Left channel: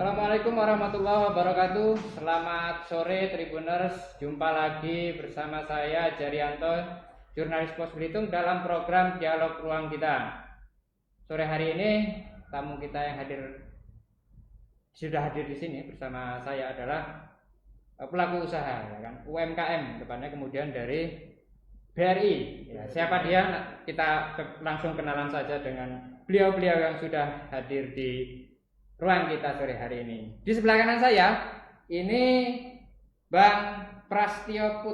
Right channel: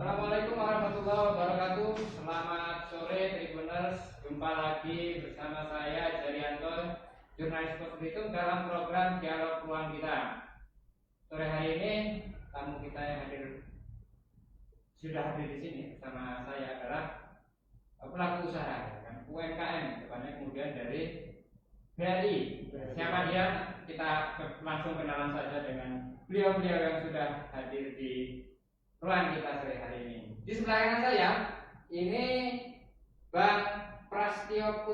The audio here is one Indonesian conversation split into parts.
Assalamualaikum warahmatullahi wabarakatuh. Selamat sore Tribuners. Jumpa lagi bersama saya Jarianto, jurnalis Pos Belitung dalam program Dialog Ruang Kita. Sore hari ini tamu kita yang sudah hadir di sini bersama saya adalah pelaku usaha, UMKM, tepatnya kemudian dari BRI. Siapa dia? Kita langsung kenalan saja dengan beliau-beliau yang sudah hadir di ruang kita sore hari ini. Di sebelah kanan saya ini Bang Prastio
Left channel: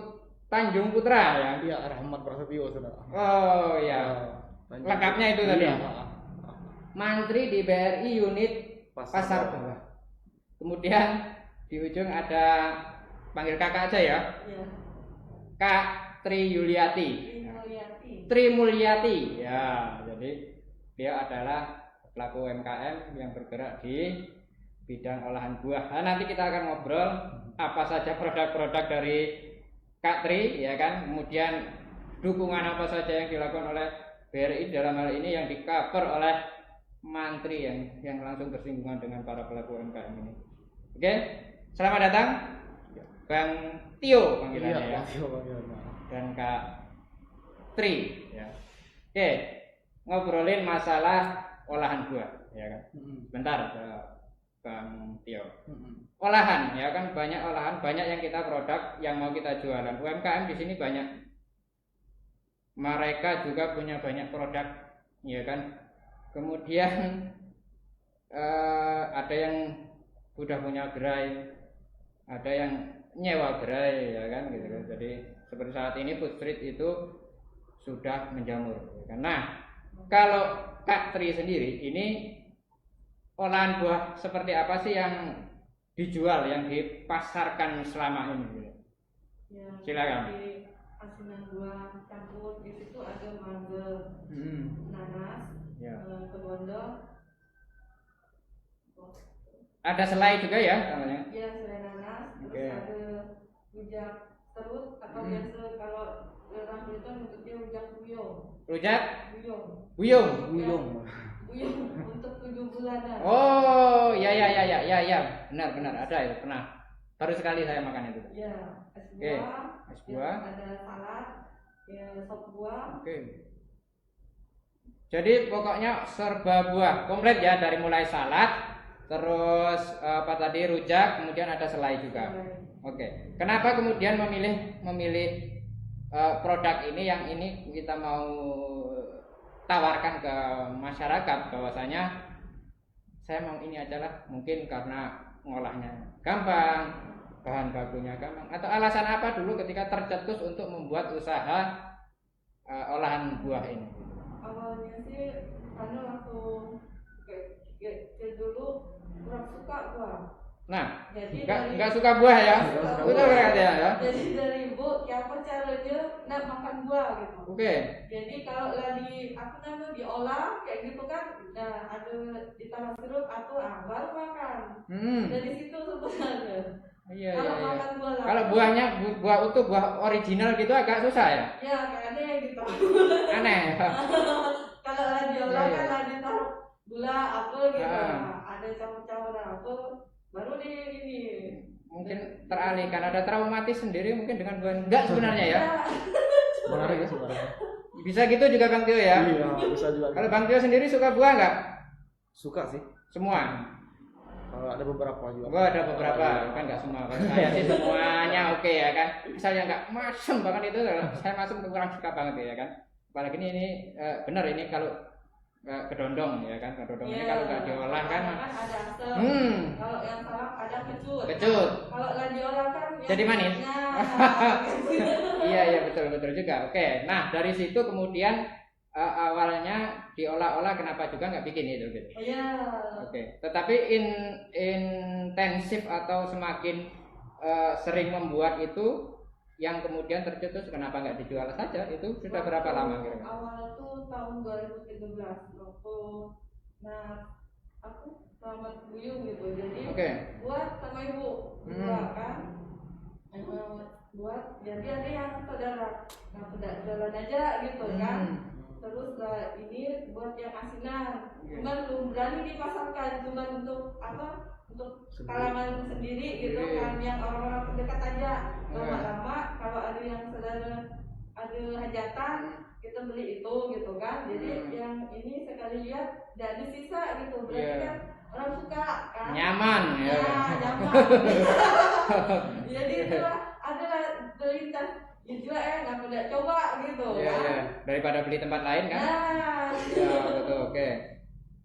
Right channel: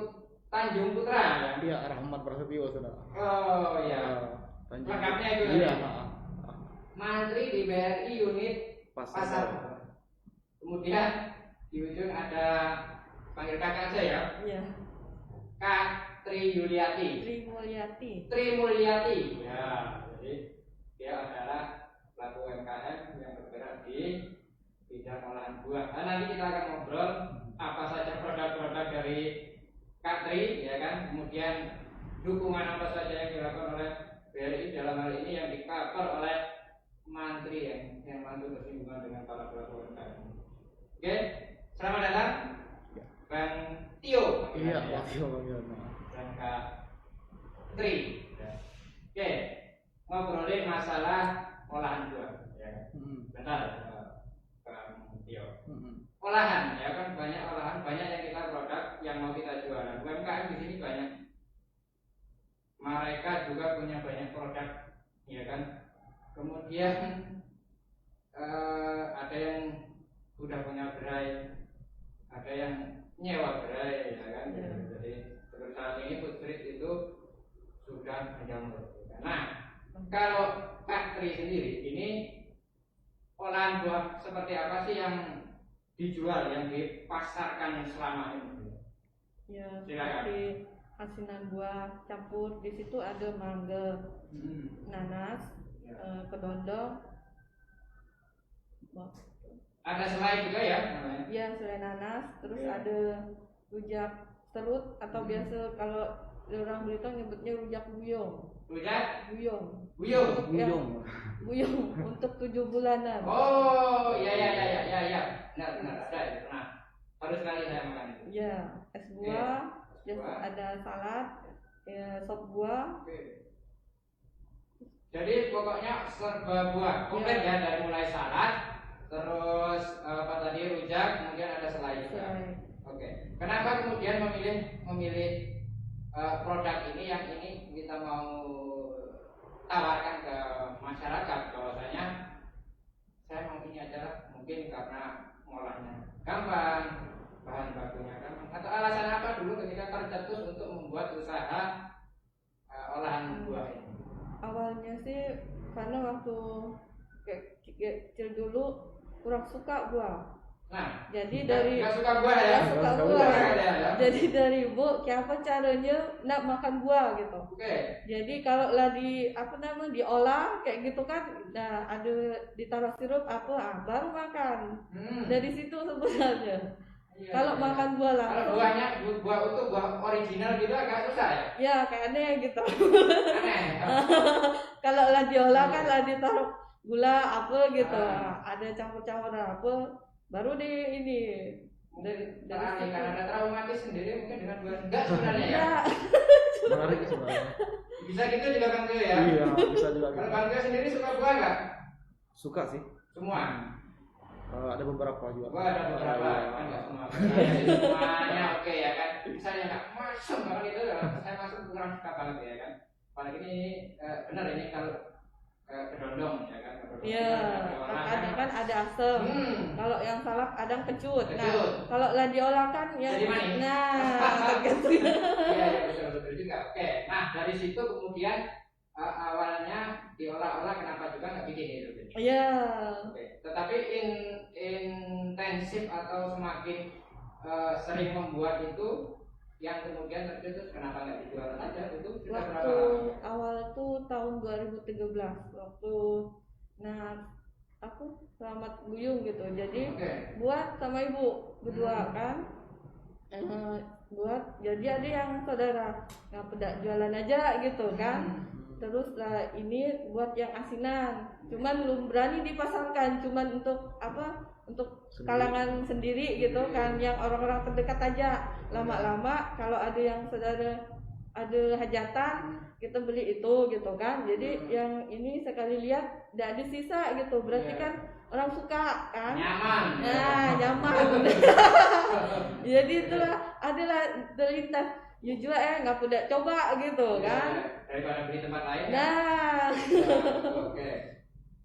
Tanjung Putra ya. Iya, Rahmat Prasetyo saudara. Oh ya. Lengkapnya itu tadi. Iya. Mantri di BRI unit Pasar. Kemudian di ujung ada panggil kakak aja ya. Iya. Kak Tri Yuliati. Tri Mulyati. Ya, jadi dia adalah pelaku UMKM yang bergerak di bidang olahan buah. Nah, nanti kita akan ngobrol apa saja produk-produk dari Kak Tri, ya kan? Kemudian dukungan apa saja yang dilakukan oleh BRI dalam hal ini yang di-cover oleh Mantri yang langsung bersinggungan dengan para pelaku UMKM ini. Oke, selamat datang Bang Tio panggilannya ya. Dan Kak Tri. Ya. Oke, ngobrolin masalah olahan buah, ya kan? Bentar, Bang Tio. Olahan, ya kan, banyak olahan, banyak yang kita produk yang mau kita jualan. UMKM di sini banyak. Mereka juga punya banyak produk, ya kan? Kemudian ada yang sudah punya gerai, ada yang nyewa gerai, ya kan? Gitu. Jadi seperti saat ini food street itu sudah menjamur. Ya kan? Nah, kalau Kak Tri sendiri ini olahan buah seperti apa sih yang dijual, yang dipasarkan selama ini? Ya, silakan. di asinan buah campur di situ ada mangga, nanas, kedondong. Ada selai juga ya? Ya, selai nanas, terus Oke. ada rujak serut atau biasa kalau orang Belitung nyebutnya rujak buyong. Rujak? Buyong. Buyung. Untuk 7 bulanan. Oh, ya, benar ada ya, pernah. Baru sekali saya makan itu. Ya, es buah. Es buah. Ada salad, sop buah. Oke. Jadi pokoknya serba buah, komplit ya, dari mulai salad, terus apa tadi, rujak, kemudian ada selai juga. Oke. Kenapa kemudian memilih produk ini yang ini kita mau tawarkan ke masyarakat bahwasanya saya mau ini adalah mungkin karena ngolahnya gampang, bahan bakunya gampang, atau alasan apa dulu ketika tercetus untuk membuat usaha olahan buah ini? Awalnya sih karena waktu kecil dulu kurang suka buah. Nah, jadi nggak suka buah ya? Nggak suka Betul buah. ya? Jadi dari ibu, apa caranya nak makan buah gitu. Oke. Jadi kalau lah diolah kayak gitu kan, nah ada ditaruh sirup baru makan. Dari situ sebenarnya. Iya, kalau makan buah lah. Kalau buahnya buah utuh, buah original gitu agak susah ya? Ya kayaknya gitu. Aneh. Kalau lah diolah Iya. kan lah ditaruh gula apa gitu. Ada campur-campur apa. Baru ini Mungkin teralihkan, ada traumatis sendiri mungkin dengan buah. Enggak sebenarnya ya? Menarik sebenarnya. Bisa gitu juga Bang Tio ya? Iya, bisa juga. Kalau Bang Tio sendiri suka buah nggak? Suka sih. Semua? Ada beberapa juga. Oh, ada beberapa, kan nggak semua. Saya sih semuanya oke ya kan. Misalnya nggak masuk banget itu, saya masuk kurang suka banget ya kan. Apalagi ini benar ini kalau kedondong ya kan, kedondong ini kalau nggak diolah kan ada asam. Kalau yang salak ada kecut. Kecut. Nah, kalau lah diolah kan Jadi manis. Nah, Iya betul juga. Oke, nah dari situ kemudian awalnya diolah-olah, kenapa juga nggak bikin itu gitu? Iya. Oke, tetapi intensif atau semakin sering membuat itu yang kemudian tercetus, kenapa nggak dijual saja? Itu sudah berapa lama kira? Awal tuh tahun 2013 waktu aku selamat buyung gitu. Jadi buat sama ibu berdua kan. Buat jadi ada yang saudara yang pada jualan aja gitu kan. Terus lah ini buat yang asinan. cuman belum berani dipasarkan, cuman untuk apa, untuk kalangan sendiri gitu kan, yang orang-orang terdekat aja. Lama-lama kalau ada yang saudara ada hajatan, kita beli itu gitu kan. Jadi yang ini sekali lihat tidak ada sisa gitu, berarti kan orang suka kan, nyaman nyaman. Jadi itulah adalah terlintas ya juga nggak tidak coba gitu kan, daripada beli tempat lain kan. Betul, oke.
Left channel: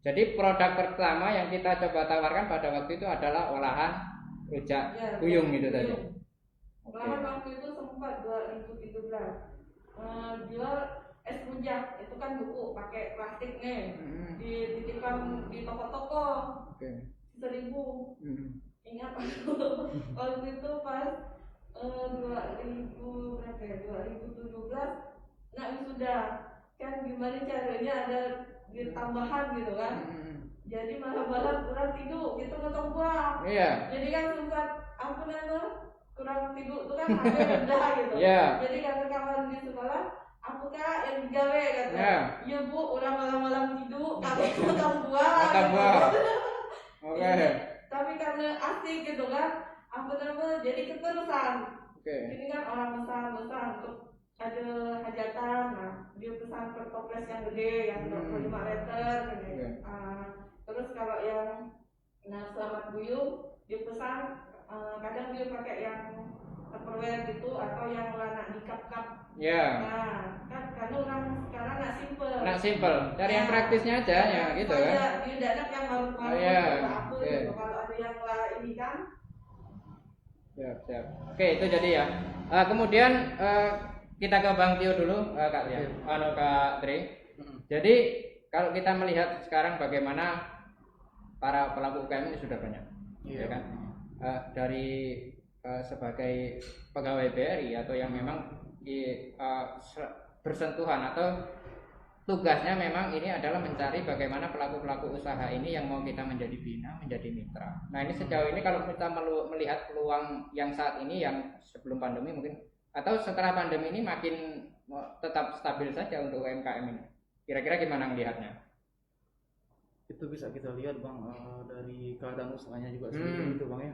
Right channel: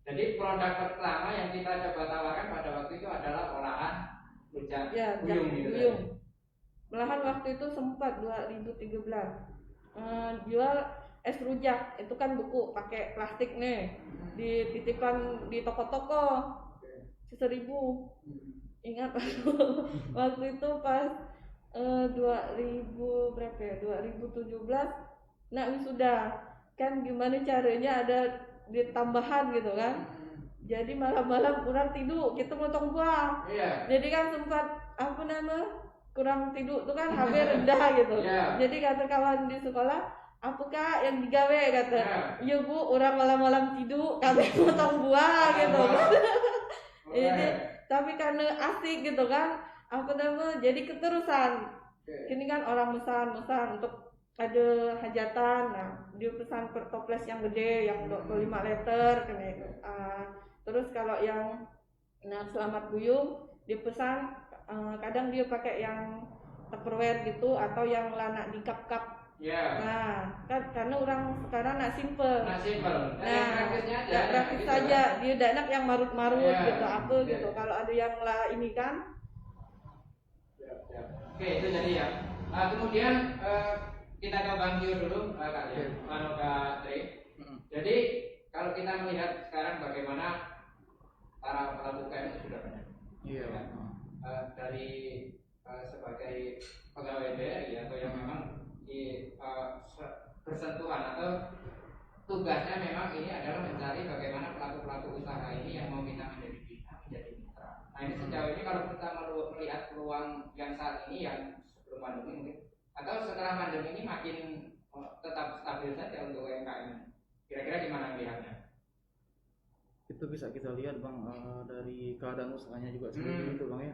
Jadi produk pertama yang kita coba tawarkan pada waktu itu adalah olahan rujak kuyung gitu tadi. Olahan waktu itu sempat 2013 jual es rujak, itu kan buku pakai plastik nih, dititipkan di toko-toko, 1.000. Ingat waktu itu pas 2000 berapa ya, 2017 nak wisuda kan, gimana caranya ada ditambahan gitu kan. Jadi malam-malam kurang tidur, kita motong buah. Jadi kan sempat apa nama kurang tidur tuh kan, HP rendah gitu. Jadi kata kawan di sekolah, apakah yang digawe kata, iya bu, orang malam-malam tidur kami potong buah gitu. Jadi, tapi karena asik gitu kan, apa nama, jadi keterusan. Ini kan orang pesan untuk ada hajatan, nah dia pesan per toples yang gede, yang 25 liter terus kalau yang selamat buyung dipesan, kadang dia pakai yang Tupperware gitu, atau yang lanak di cup-cup. Nah, kan karena orang sekarang nak simple, dari yang praktisnya aja ya gitu kan. Dia tidak yang marut-marut gitu apa gitu. Kalau ada yang lah ini kan. Siap. Oke, itu jadi ya. Kemudian kita ke Bang Tio dulu, Kak ya. Kalau Kak Tri. Jadi kalau kita melihat sekarang bagaimana para pelaku UKM ini sudah banyak. Iya kan? Dari sebagai pegawai BRI atau yang memang bersentuhan atau tugasnya memang ini adalah mencari bagaimana pelaku-pelaku usaha ini yang mau kita menjadi bina, menjadi mitra. Nah ini sejauh ini kalau kita melihat peluang yang saat ini, yang sebelum pandemi mungkin atau setelah pandemi ini makin tetap stabil saja untuk UMKM ini. Kira-kira gimana melihatnya? Itu bisa kita lihat Bang, dari keadaan usahanya juga sendiri itu Bang ya.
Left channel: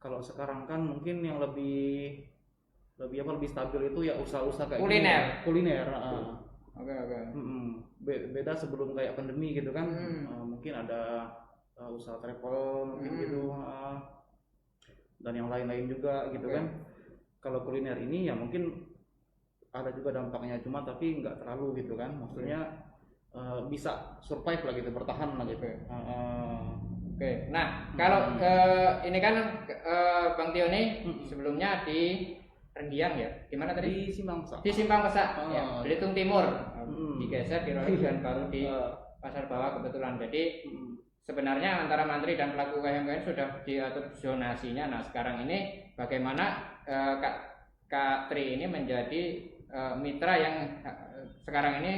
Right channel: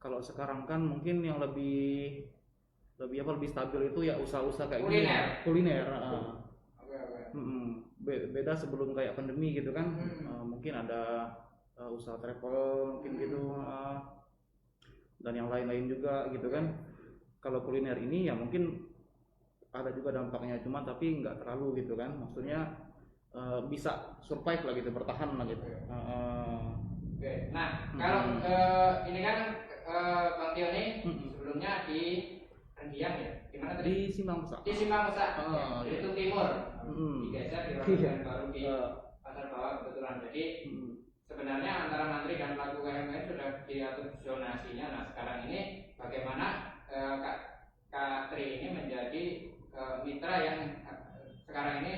Kalau sekarang kan mungkin yang lebih stabil itu ya usaha-usaha kayak kuliner. Oke. Beda sebelum kayak pandemi gitu kan. Mungkin ada usaha travel mungkin gitu, dan yang lain-lain juga gitu kan. Kalau kuliner ini ya mungkin ada juga dampaknya, cuma tapi nggak terlalu gitu kan. Maksudnya bisa survive lah gitu, bertahan lah gitu. Oke. Nah, kalau ini kan Bang Tio nih sebelumnya di Rendiang ya, gimana tadi? Di Simpang Pesak. Di Simpang Pesak, ya, Belitung Timur. Digeser di Ronojan baru di Pasar Bawah kebetulan. Jadi sebenarnya antara mantri dan pelaku UKM sudah diatur zonasinya. Nah sekarang ini bagaimana Kak Tri ini menjadi mitra yang sekarang ini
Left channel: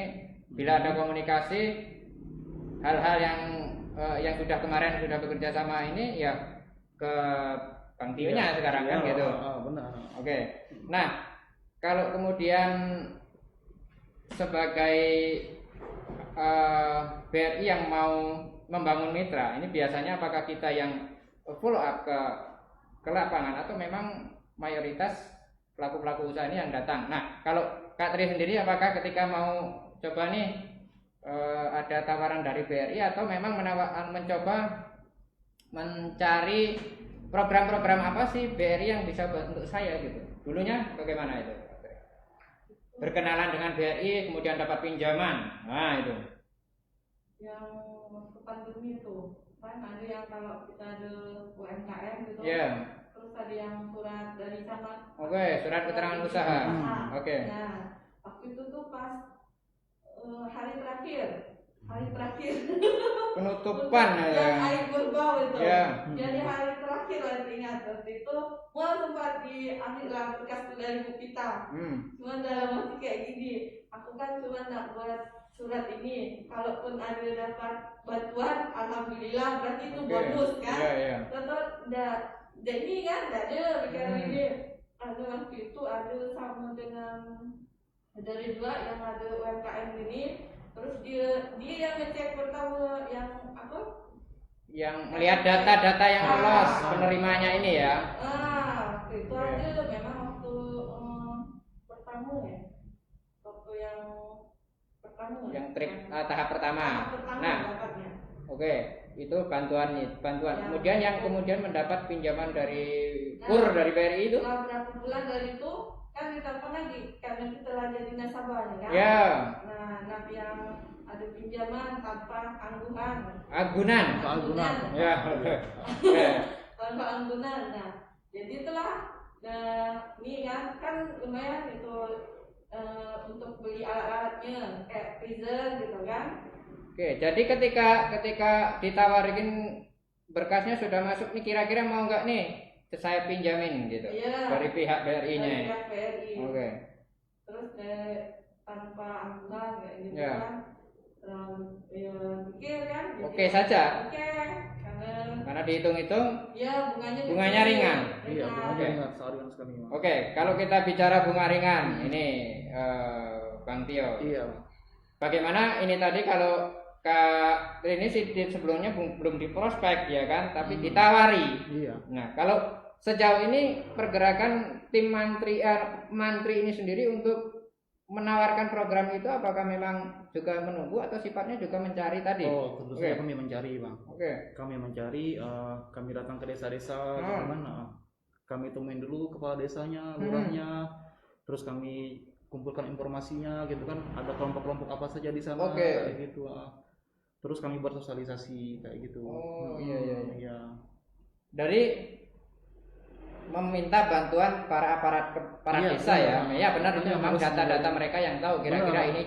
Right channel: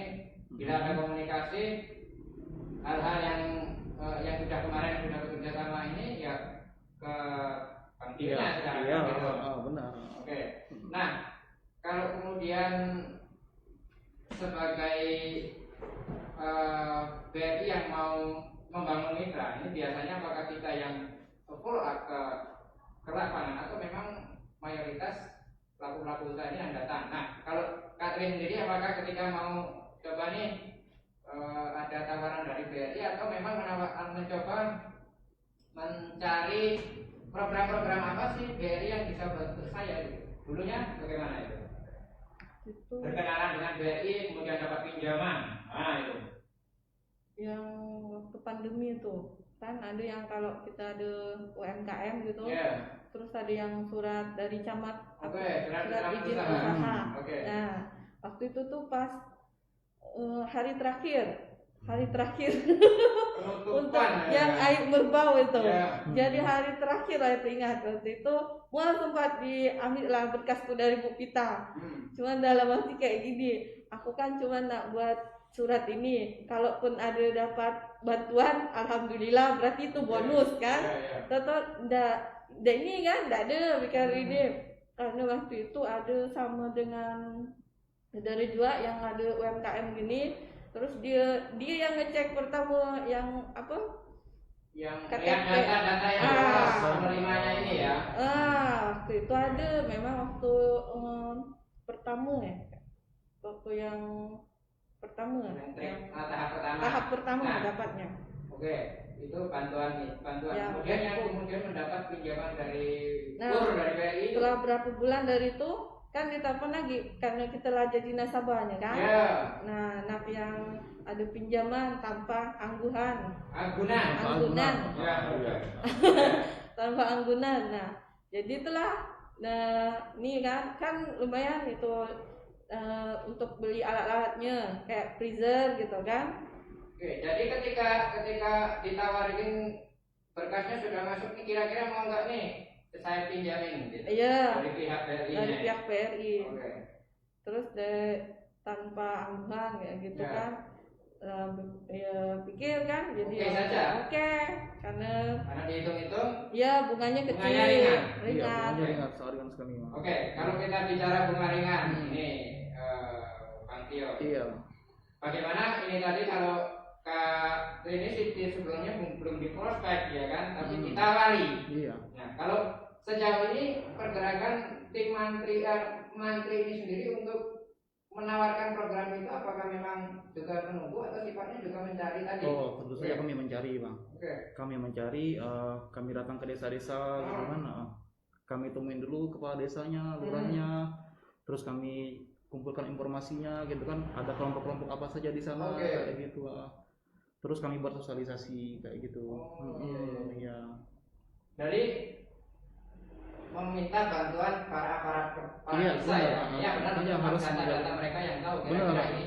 bila ada komunikasi hal-hal yang sudah kemarin sudah bekerja sama ini ya ke Bang Tio-nya sekarang kan gitu. Benar. Oke. Nah, kalau kemudian sebagai BRI yang mau membangun mitra, ini biasanya apakah kita yang follow up ke lapangan atau memang mayoritas pelaku-pelaku usaha ini yang datang? Nah, kalau Kak Tri sendiri apakah ketika mau coba nih ada tawaran dari BRI atau memang mencoba mencari program-program apa sih BRI yang bisa bantu saya gitu? Dulunya bagaimana itu? Berkenalan dengan BRI kemudian dapat pinjaman. Nah, itu. Yang waktu pandemi itu kan ada yang kalau kita ada UMKM gitu. Terus ada yang surat dari camat. Surat keterangan usaha. Nah, waktu itu tuh pas hari terakhir penutupan yang air berbau itu. Jadi hari terakhir artinya itu gua sempat diambil lah berkasku dari Bu Pita. Cuman dalam hati kayak gini, aku kan cuma nak buat surat ini, kalaupun ada dapat bantuan alhamdulillah, berarti itu bonus kan. Tetap ini kan enggak ada ini. Karena waktu itu ada sama dengan dari dua yang ada UMKM ini, Terus dia yang ngecek pertama yang apa? Yang lihat data-data yang lolos penerimanya ini ya. Waktu itu ada memang waktu pertama ya. Waktu yang pertama. Yang tahap pertama. Tahap pertama dapatnya. Oke, itu bantuan. Ya. Kemudian yang kemudian mendapat pinjaman dari dari BRI itu. Setelah berapa bulan dari itu kan ditelepon lagi karena kita lah jadi nasabahnya kan. Ya. Nah, yang ada pinjaman tanpa anggunan. Anggunan. Ya. Tanpa anggunan. Nah, jadi itulah. Nah, ini kan lumayan itu untuk beli alat-alatnya kayak freezer gitu kan. Oke, jadi ketika ditawarin berkasnya sudah masuk nih, kira-kira mau nggak nih saya pinjamin gitu? Iya. Dari pihak BRI-nya. Dari pihak BRI. Oke. Terus tanpa anggunan ya gitu ya. Kan. Ya pikir kan. Jadi oke saja. Oke, karena dihitung-hitung. Ya bunganya ringan. Iya, bunganya ringan sekali. Oke, kalau kita bicara bunga ringan, ini Bang Tio. Iya. Bagaimana ini tadi kalau Kak ini sebelumnya belum di prospek ya kan, tapi ditawari. Iya. Nah, kalau sejauh ini pergerakan tim mantri ini sendiri untuk menawarkan program itu, apakah memang juga menunggu atau sifatnya juga mencari tadi? Oh, tentu saja kami mencari, Bang. Oke. Kami mencari, kami datang ke desa-desa, gitu kan. Kami temuin dulu kepala desanya, lurahnya, terus kami kumpulkan informasinya, gitu kan. Ada kelompok-kelompok apa saja di sana, kayak gitu. Terus kami buat sosialisasi kayak gitu. Iya. Dari meminta bantuan para desa ya. Iya benar, itu harus data-data mereka yang tahu kira-kira ini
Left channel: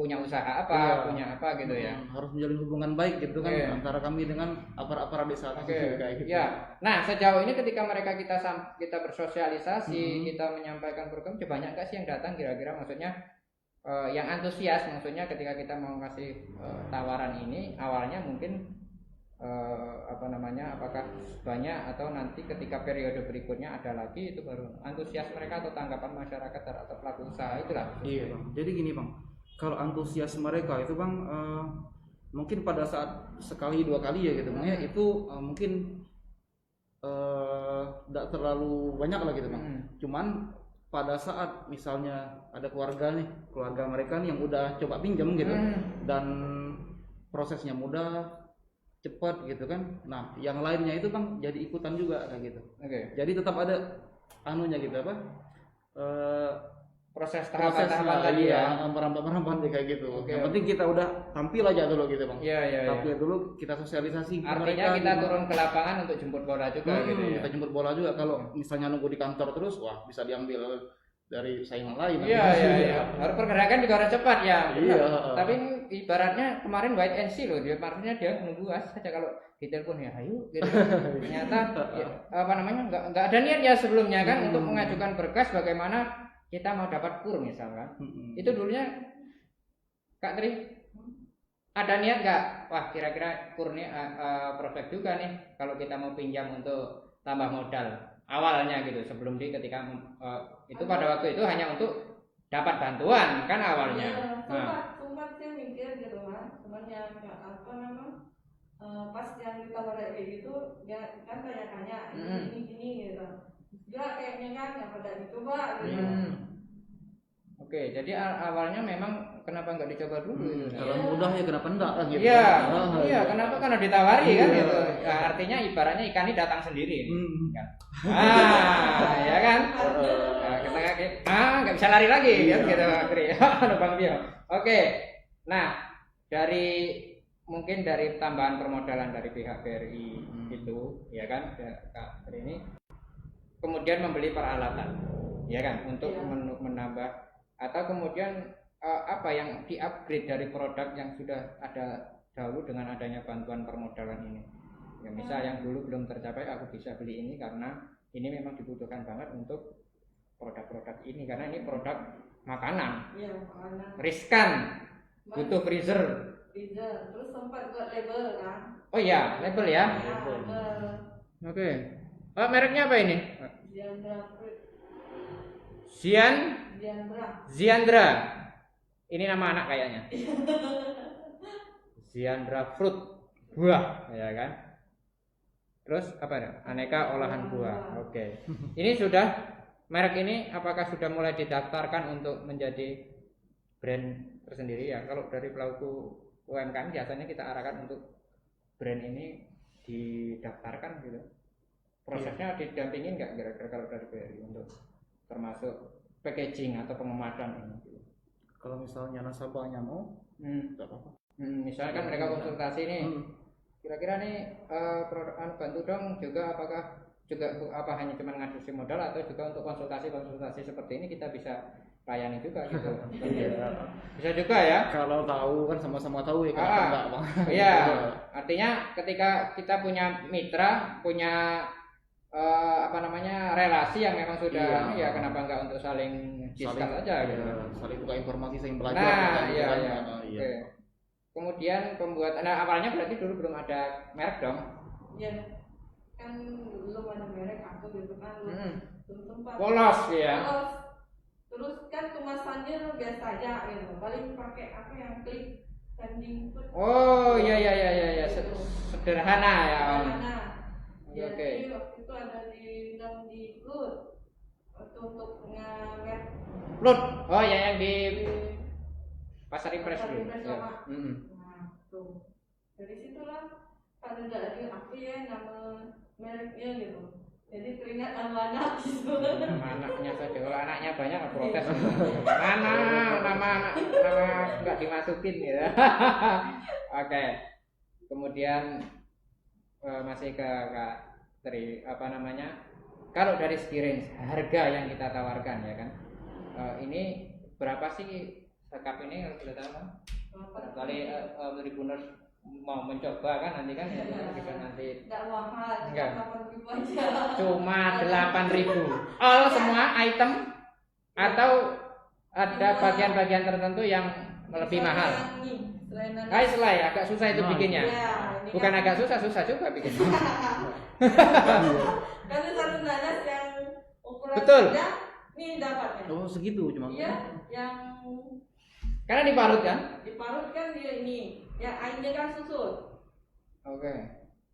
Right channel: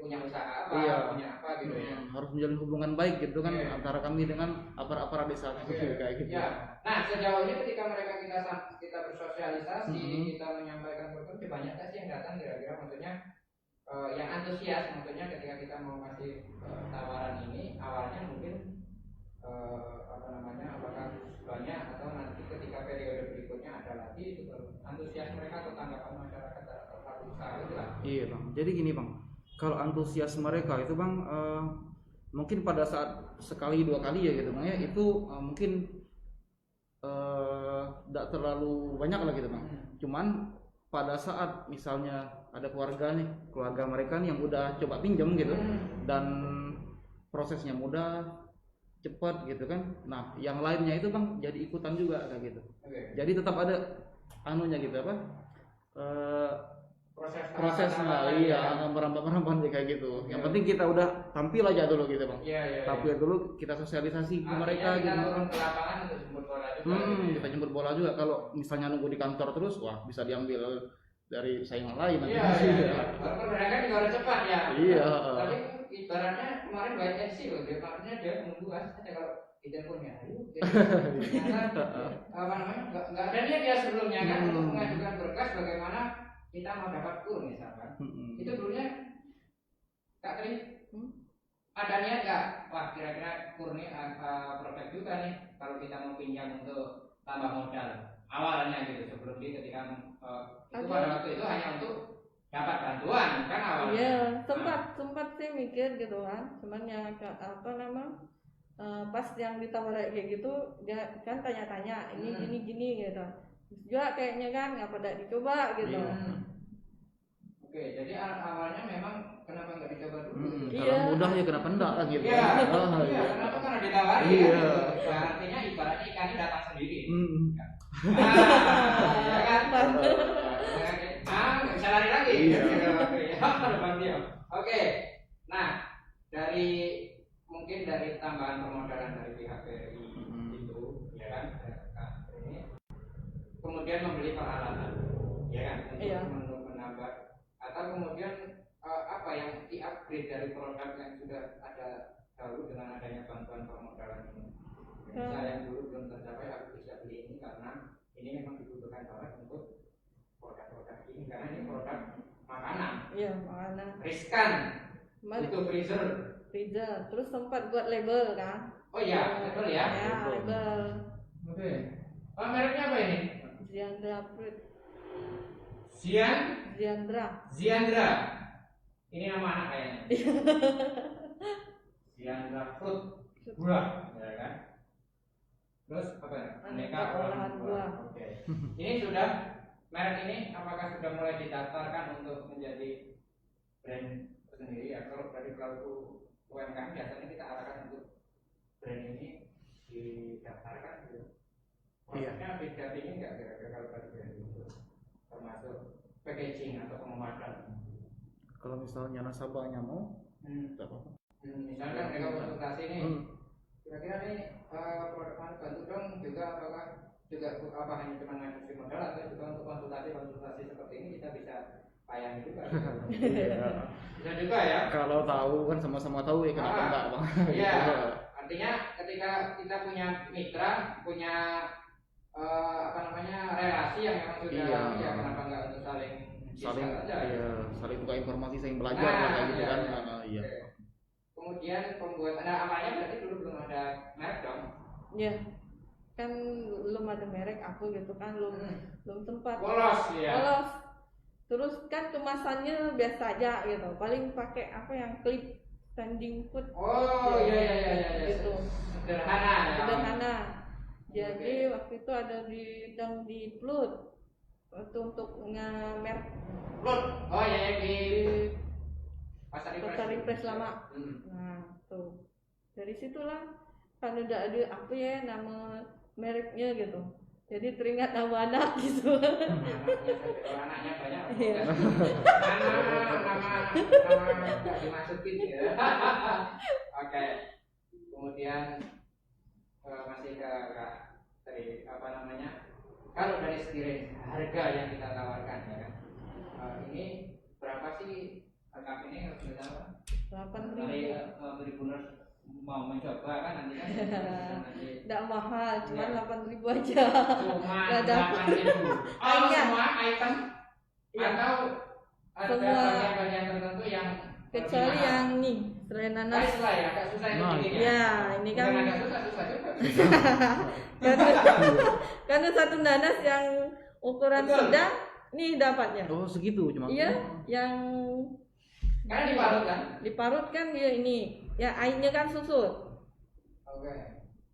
punya usaha apa, punya apa gitu ya. Harus menjalin hubungan baik gitu kan antara kami dengan aparat desa kayak gitu. Ya. Nah, sejauh ini ketika mereka kita bersosialisasi, kita menyampaikan program, banyak nggak sih yang datang kira-kira, maksudnya yang antusias, maksudnya ketika kita mau kasih tawaran ini awalnya mungkin apakah banyak atau nanti ketika periode berikutnya ada lagi, itu baru antusias mereka atau tanggapan masyarakat atau pelaku usaha itu lah. Iya Bang, jadi gini Bang, kalau antusias mereka itu Bang mungkin pada saat sekali dua kali ya gitu Bang ya, itu mungkin tidak terlalu banyak lah gitu Bang. Cuman pada saat misalnya ada keluarga mereka nih yang udah coba pinjam gitu dan prosesnya mudah, cepat gitu kan. Nah, yang lainnya itu Bang jadi ikutan juga kayak gitu. Jadi tetap ada anunya gitu apa? Prosesnya iya, merambat kayak gitu. Yang penting kita udah tampil aja dulu gitu Bang. Tampil dulu, kita sosialisasi ke mereka. Kita gitu. Turun ke lapangan untuk jemput bola juga gitu ya. Kita jemput bola juga. Kalau misalnya nunggu di kantor terus, wah bisa diambil dari saingan lain. Iya. Pergerakan juga harus cepat ya. Iya. Tapi ibaratnya kemarin white and see loh, maksudnya dia menunggu saja kalau ditelepon ya ayo gitu. Ternyata nggak ada niat ya sebelumnya kan untuk mengajukan berkas bagaimana kita mau dapat kur misalkan. Itu dulunya Kak Tri ada niat nggak? Wah kira-kira kur nih prospek juga nih kalau kita mau pinjam untuk tambah modal awalnya gitu, sebelum ketika itu pada waktu itu hanya untuk dapat bantuan kan awalnya. Iya, sempat saya mikir gitu kan, cuman ya pas yang ditawarin kayak gitu dia kan tanya-tanya ini gini gitu. Juga kayaknya kan nggak pernah dicoba gitu. Oke, jadi awalnya memang kenapa nggak dicoba dulu? Kalau mudah ya kenapa enggak kan gitu. Iya, kenapa karena ditawari kan gitu. Nah, artinya ibaratnya ikan ini datang sendiri. Ya kan? Nggak bisa lari lagi gitu, Bang Tio. Oke. Nah, mungkin dari tambahan permodalan dari pihak BRI itu, ya kan, Kak ini kemudian membeli peralatan, ya kan, untuk menambah atau kemudian apa yang di-upgrade dari produk yang sudah ada dahulu dengan adanya bantuan permodalan ini. Ya, misal yang dulu belum tercapai, aku bisa beli ini karena ini memang dibutuhkan banget untuk produk-produk ini karena ini produk makanan. Iya, makanan. Riskan. Butuh freezer. Terus sempat buat label kan? Oh iya, label ya. Label. Oke. Mereknya apa ini? Ziandra. Ziandra. Ini nama anak kayaknya. Ziandra Fruit, buah, ya kan? Terus apa ya? Aneka olahan buah. Oke. Ini sudah merek ini apakah sudah mulai didaftarkan untuk menjadi brand tersendiri ya? Kalau dari pelaku UMKM biasanya kita arahkan untuk brand ini didaftarkan gitu. Prosesnya didampingin nggak kira-kira kalau dari BRI untuk termasuk packaging atau pengemasan? Kalau misalnya nasabahnya mau, nggak apa-apa. Misalnya kan mereka konsultasi nih, kira-kira nih produk bantu dong juga apakah juga apa hanya cuma ngajuin modal atau juga untuk konsultasi seperti ini kita bisa layani juga gitu. Iya. Bisa juga ya. Kalau tahu kan sama-sama tahu ya kenapa enggak bang? Iya. Artinya ketika kita punya mitra, punya relasi yang memang sudah ya kenapa enggak untuk saling aja gitu. Saling tukar informasi, saling belajar kayak gitu kan. Iya. Okay. Kemudian pembuatan awalnya berarti dulu belum ada merek dong? Iya. Kan belum ada merek aku gitu kan, belum sempat. Polos ya. Polos. Terus kan kemasannya biasa aja gitu. Paling pakai apa yang klik standing food. Oh iya. Gitu. Sederhana ya. Sederhana. Jadi waktu itu ada di Plut untuk nge-merek. Plut. Oh ya yang di Pasar Impres lama. Nah, tuh. Dari situlah kan udah ada apa ya nama mereknya gitu. Jadi teringat nama anak gitu. Anaknya saja, anaknya banyak protes. Nama nggak dimasukin gitu. Oke. Kemudian masih ke Kak Tri, kalau dari segi range harga yang kita tawarkan ya kan, ini berapa sih sekap ini kalau boleh tahu? Kali Tribuners mau mencoba kan nanti kan bisa nanti. Tidak mahal, cuma 8.000 aja. Cuma 8.000. All semua item atau ada bagian-bagian tertentu yang lebih mahal? Yang nih, selain nanas. Baiklah ya, agak susah itu bikinnya. Ya, ini bukan kan agak susah juga bikinnya. Karena satu nanas yang ukuran sedang, nih dapatnya. Oh segitu cuma? Iya, yang karena diparut kan? Diparut kan dia ini, ya airnya kan susut. Oke.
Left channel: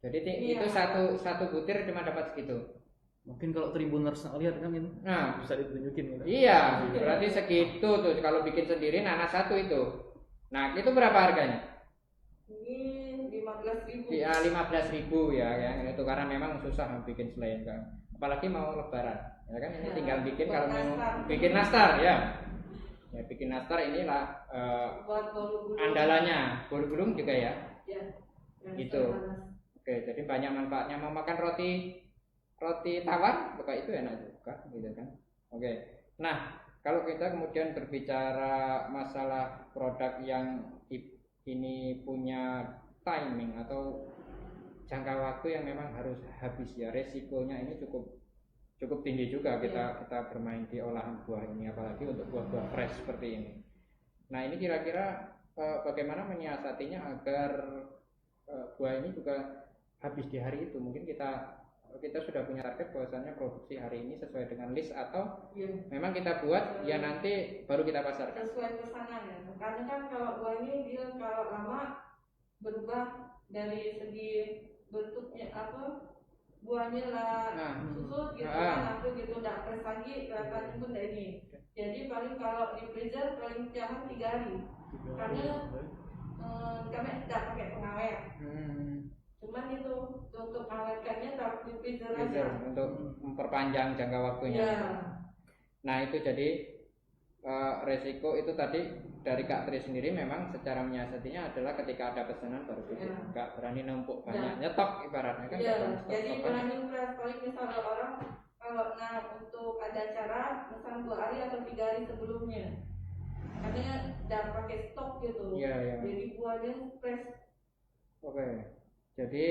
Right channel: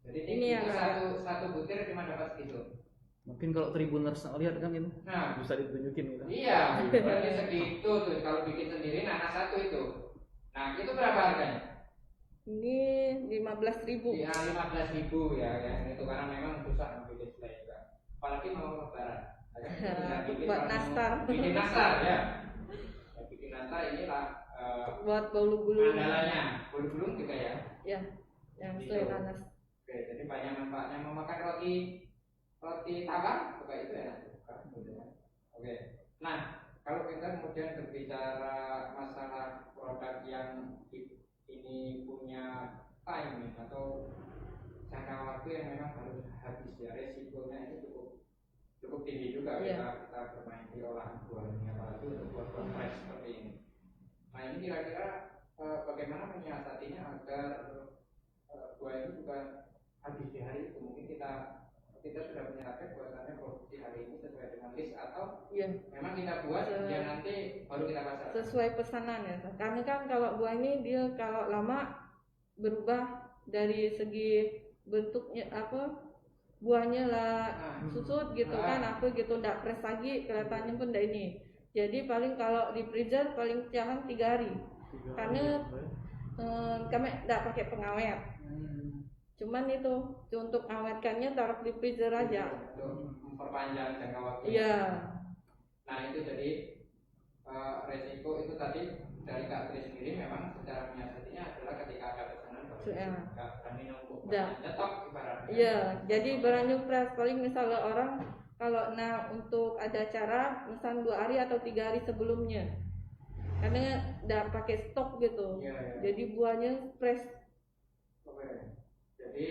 Jadi ini itu satu butir cuma dapat segitu. Mungkin kalau Tribuners lihat kan itu, nah bisa ditunjukin gitu. Iya, berarti segitu tuh kalau bikin sendiri nanas satu itu. Nah itu berapa harganya? Ini 15.000. Iya 15.000 ya kan. Itu karena memang susah bikin selain kan. Apalagi mau lebaran, ya kan? Ini tinggal bikin kalau bikin nastar ya. Ya bikin nastar inilah buat bolu-bulu andalannya, bolu-bulu juga ya. Ya, yang gitu. Oke, jadi banyak manfaatnya. Mau makan roti tawar, buka itu enak juga, gitu kan. Oke. Nah, kalau kita kemudian berbicara masalah produk yang ini punya timing atau jangka waktu yang memang harus habis ya, resikonya ini cukup tinggi juga kita bermain di olahan buah ini, apalagi untuk buah-buah fresh seperti ini. Nah ini kira-kira bagaimana menyiasatinya agar buah ini juga habis di hari itu? Mungkin kita sudah punya target bahwasannya produksi hari ini sesuai dengan list atau memang kita buat ya nanti baru kita pasarkan sesuai pesanan ya. Karena kan kalau buah ini dia kalau lama berubah dari segi bentuknya buahnya lah susut gitu kan gitu nggak fresh lagi kelihatannya pun dari ini. Jadi paling kalau di freezer paling jarang 3 hari. Karena kami nggak pakai pengawet. Cuman itu untuk awetkannya taruh di freezer aja untuk memperpanjang jangka waktunya. Iya. Nah itu jadi resiko itu tadi dari Kak Tri sendiri memang secara menyiasatinya adalah ketika ada pesanan baru nggak berani numpuk banyak nyetok ibaratnya kan. Iya. Jadi berani fresh paling misalnya orang kalau untuk ada acara misal 2 hari atau 3 hari sebelumnya karena udah pakai stok gitu. Iya. Jadi buahnya fresh. Oke. Jadi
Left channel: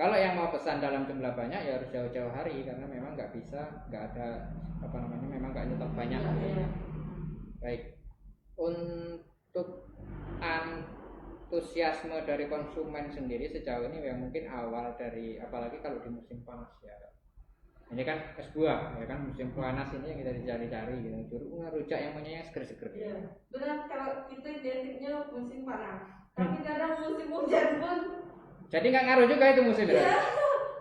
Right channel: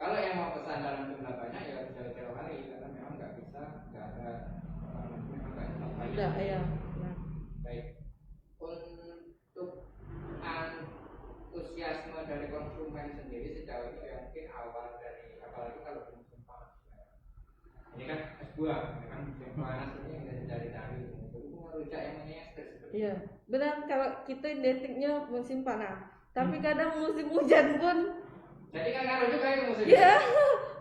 kalau yang mau pesan dalam jumlah banyak ya harus jauh-jauh hari karena memang nggak ada memang nggak nyetok banyak. Iya. Baik. Untuk antusiasme dari konsumen sendiri sejauh ini yang mungkin awal dari apalagi kalau di musim panas ya. Ini kan es buah, ya kan musim panas ini yang kita dicari-cari. Jeruk bunga rujak yang punya seger-seger. Iya, benar kalau kita identiknya musim panas. Tapi kadang musim hujan pun. Jadi nggak ngaruh juga itu musim. Iya.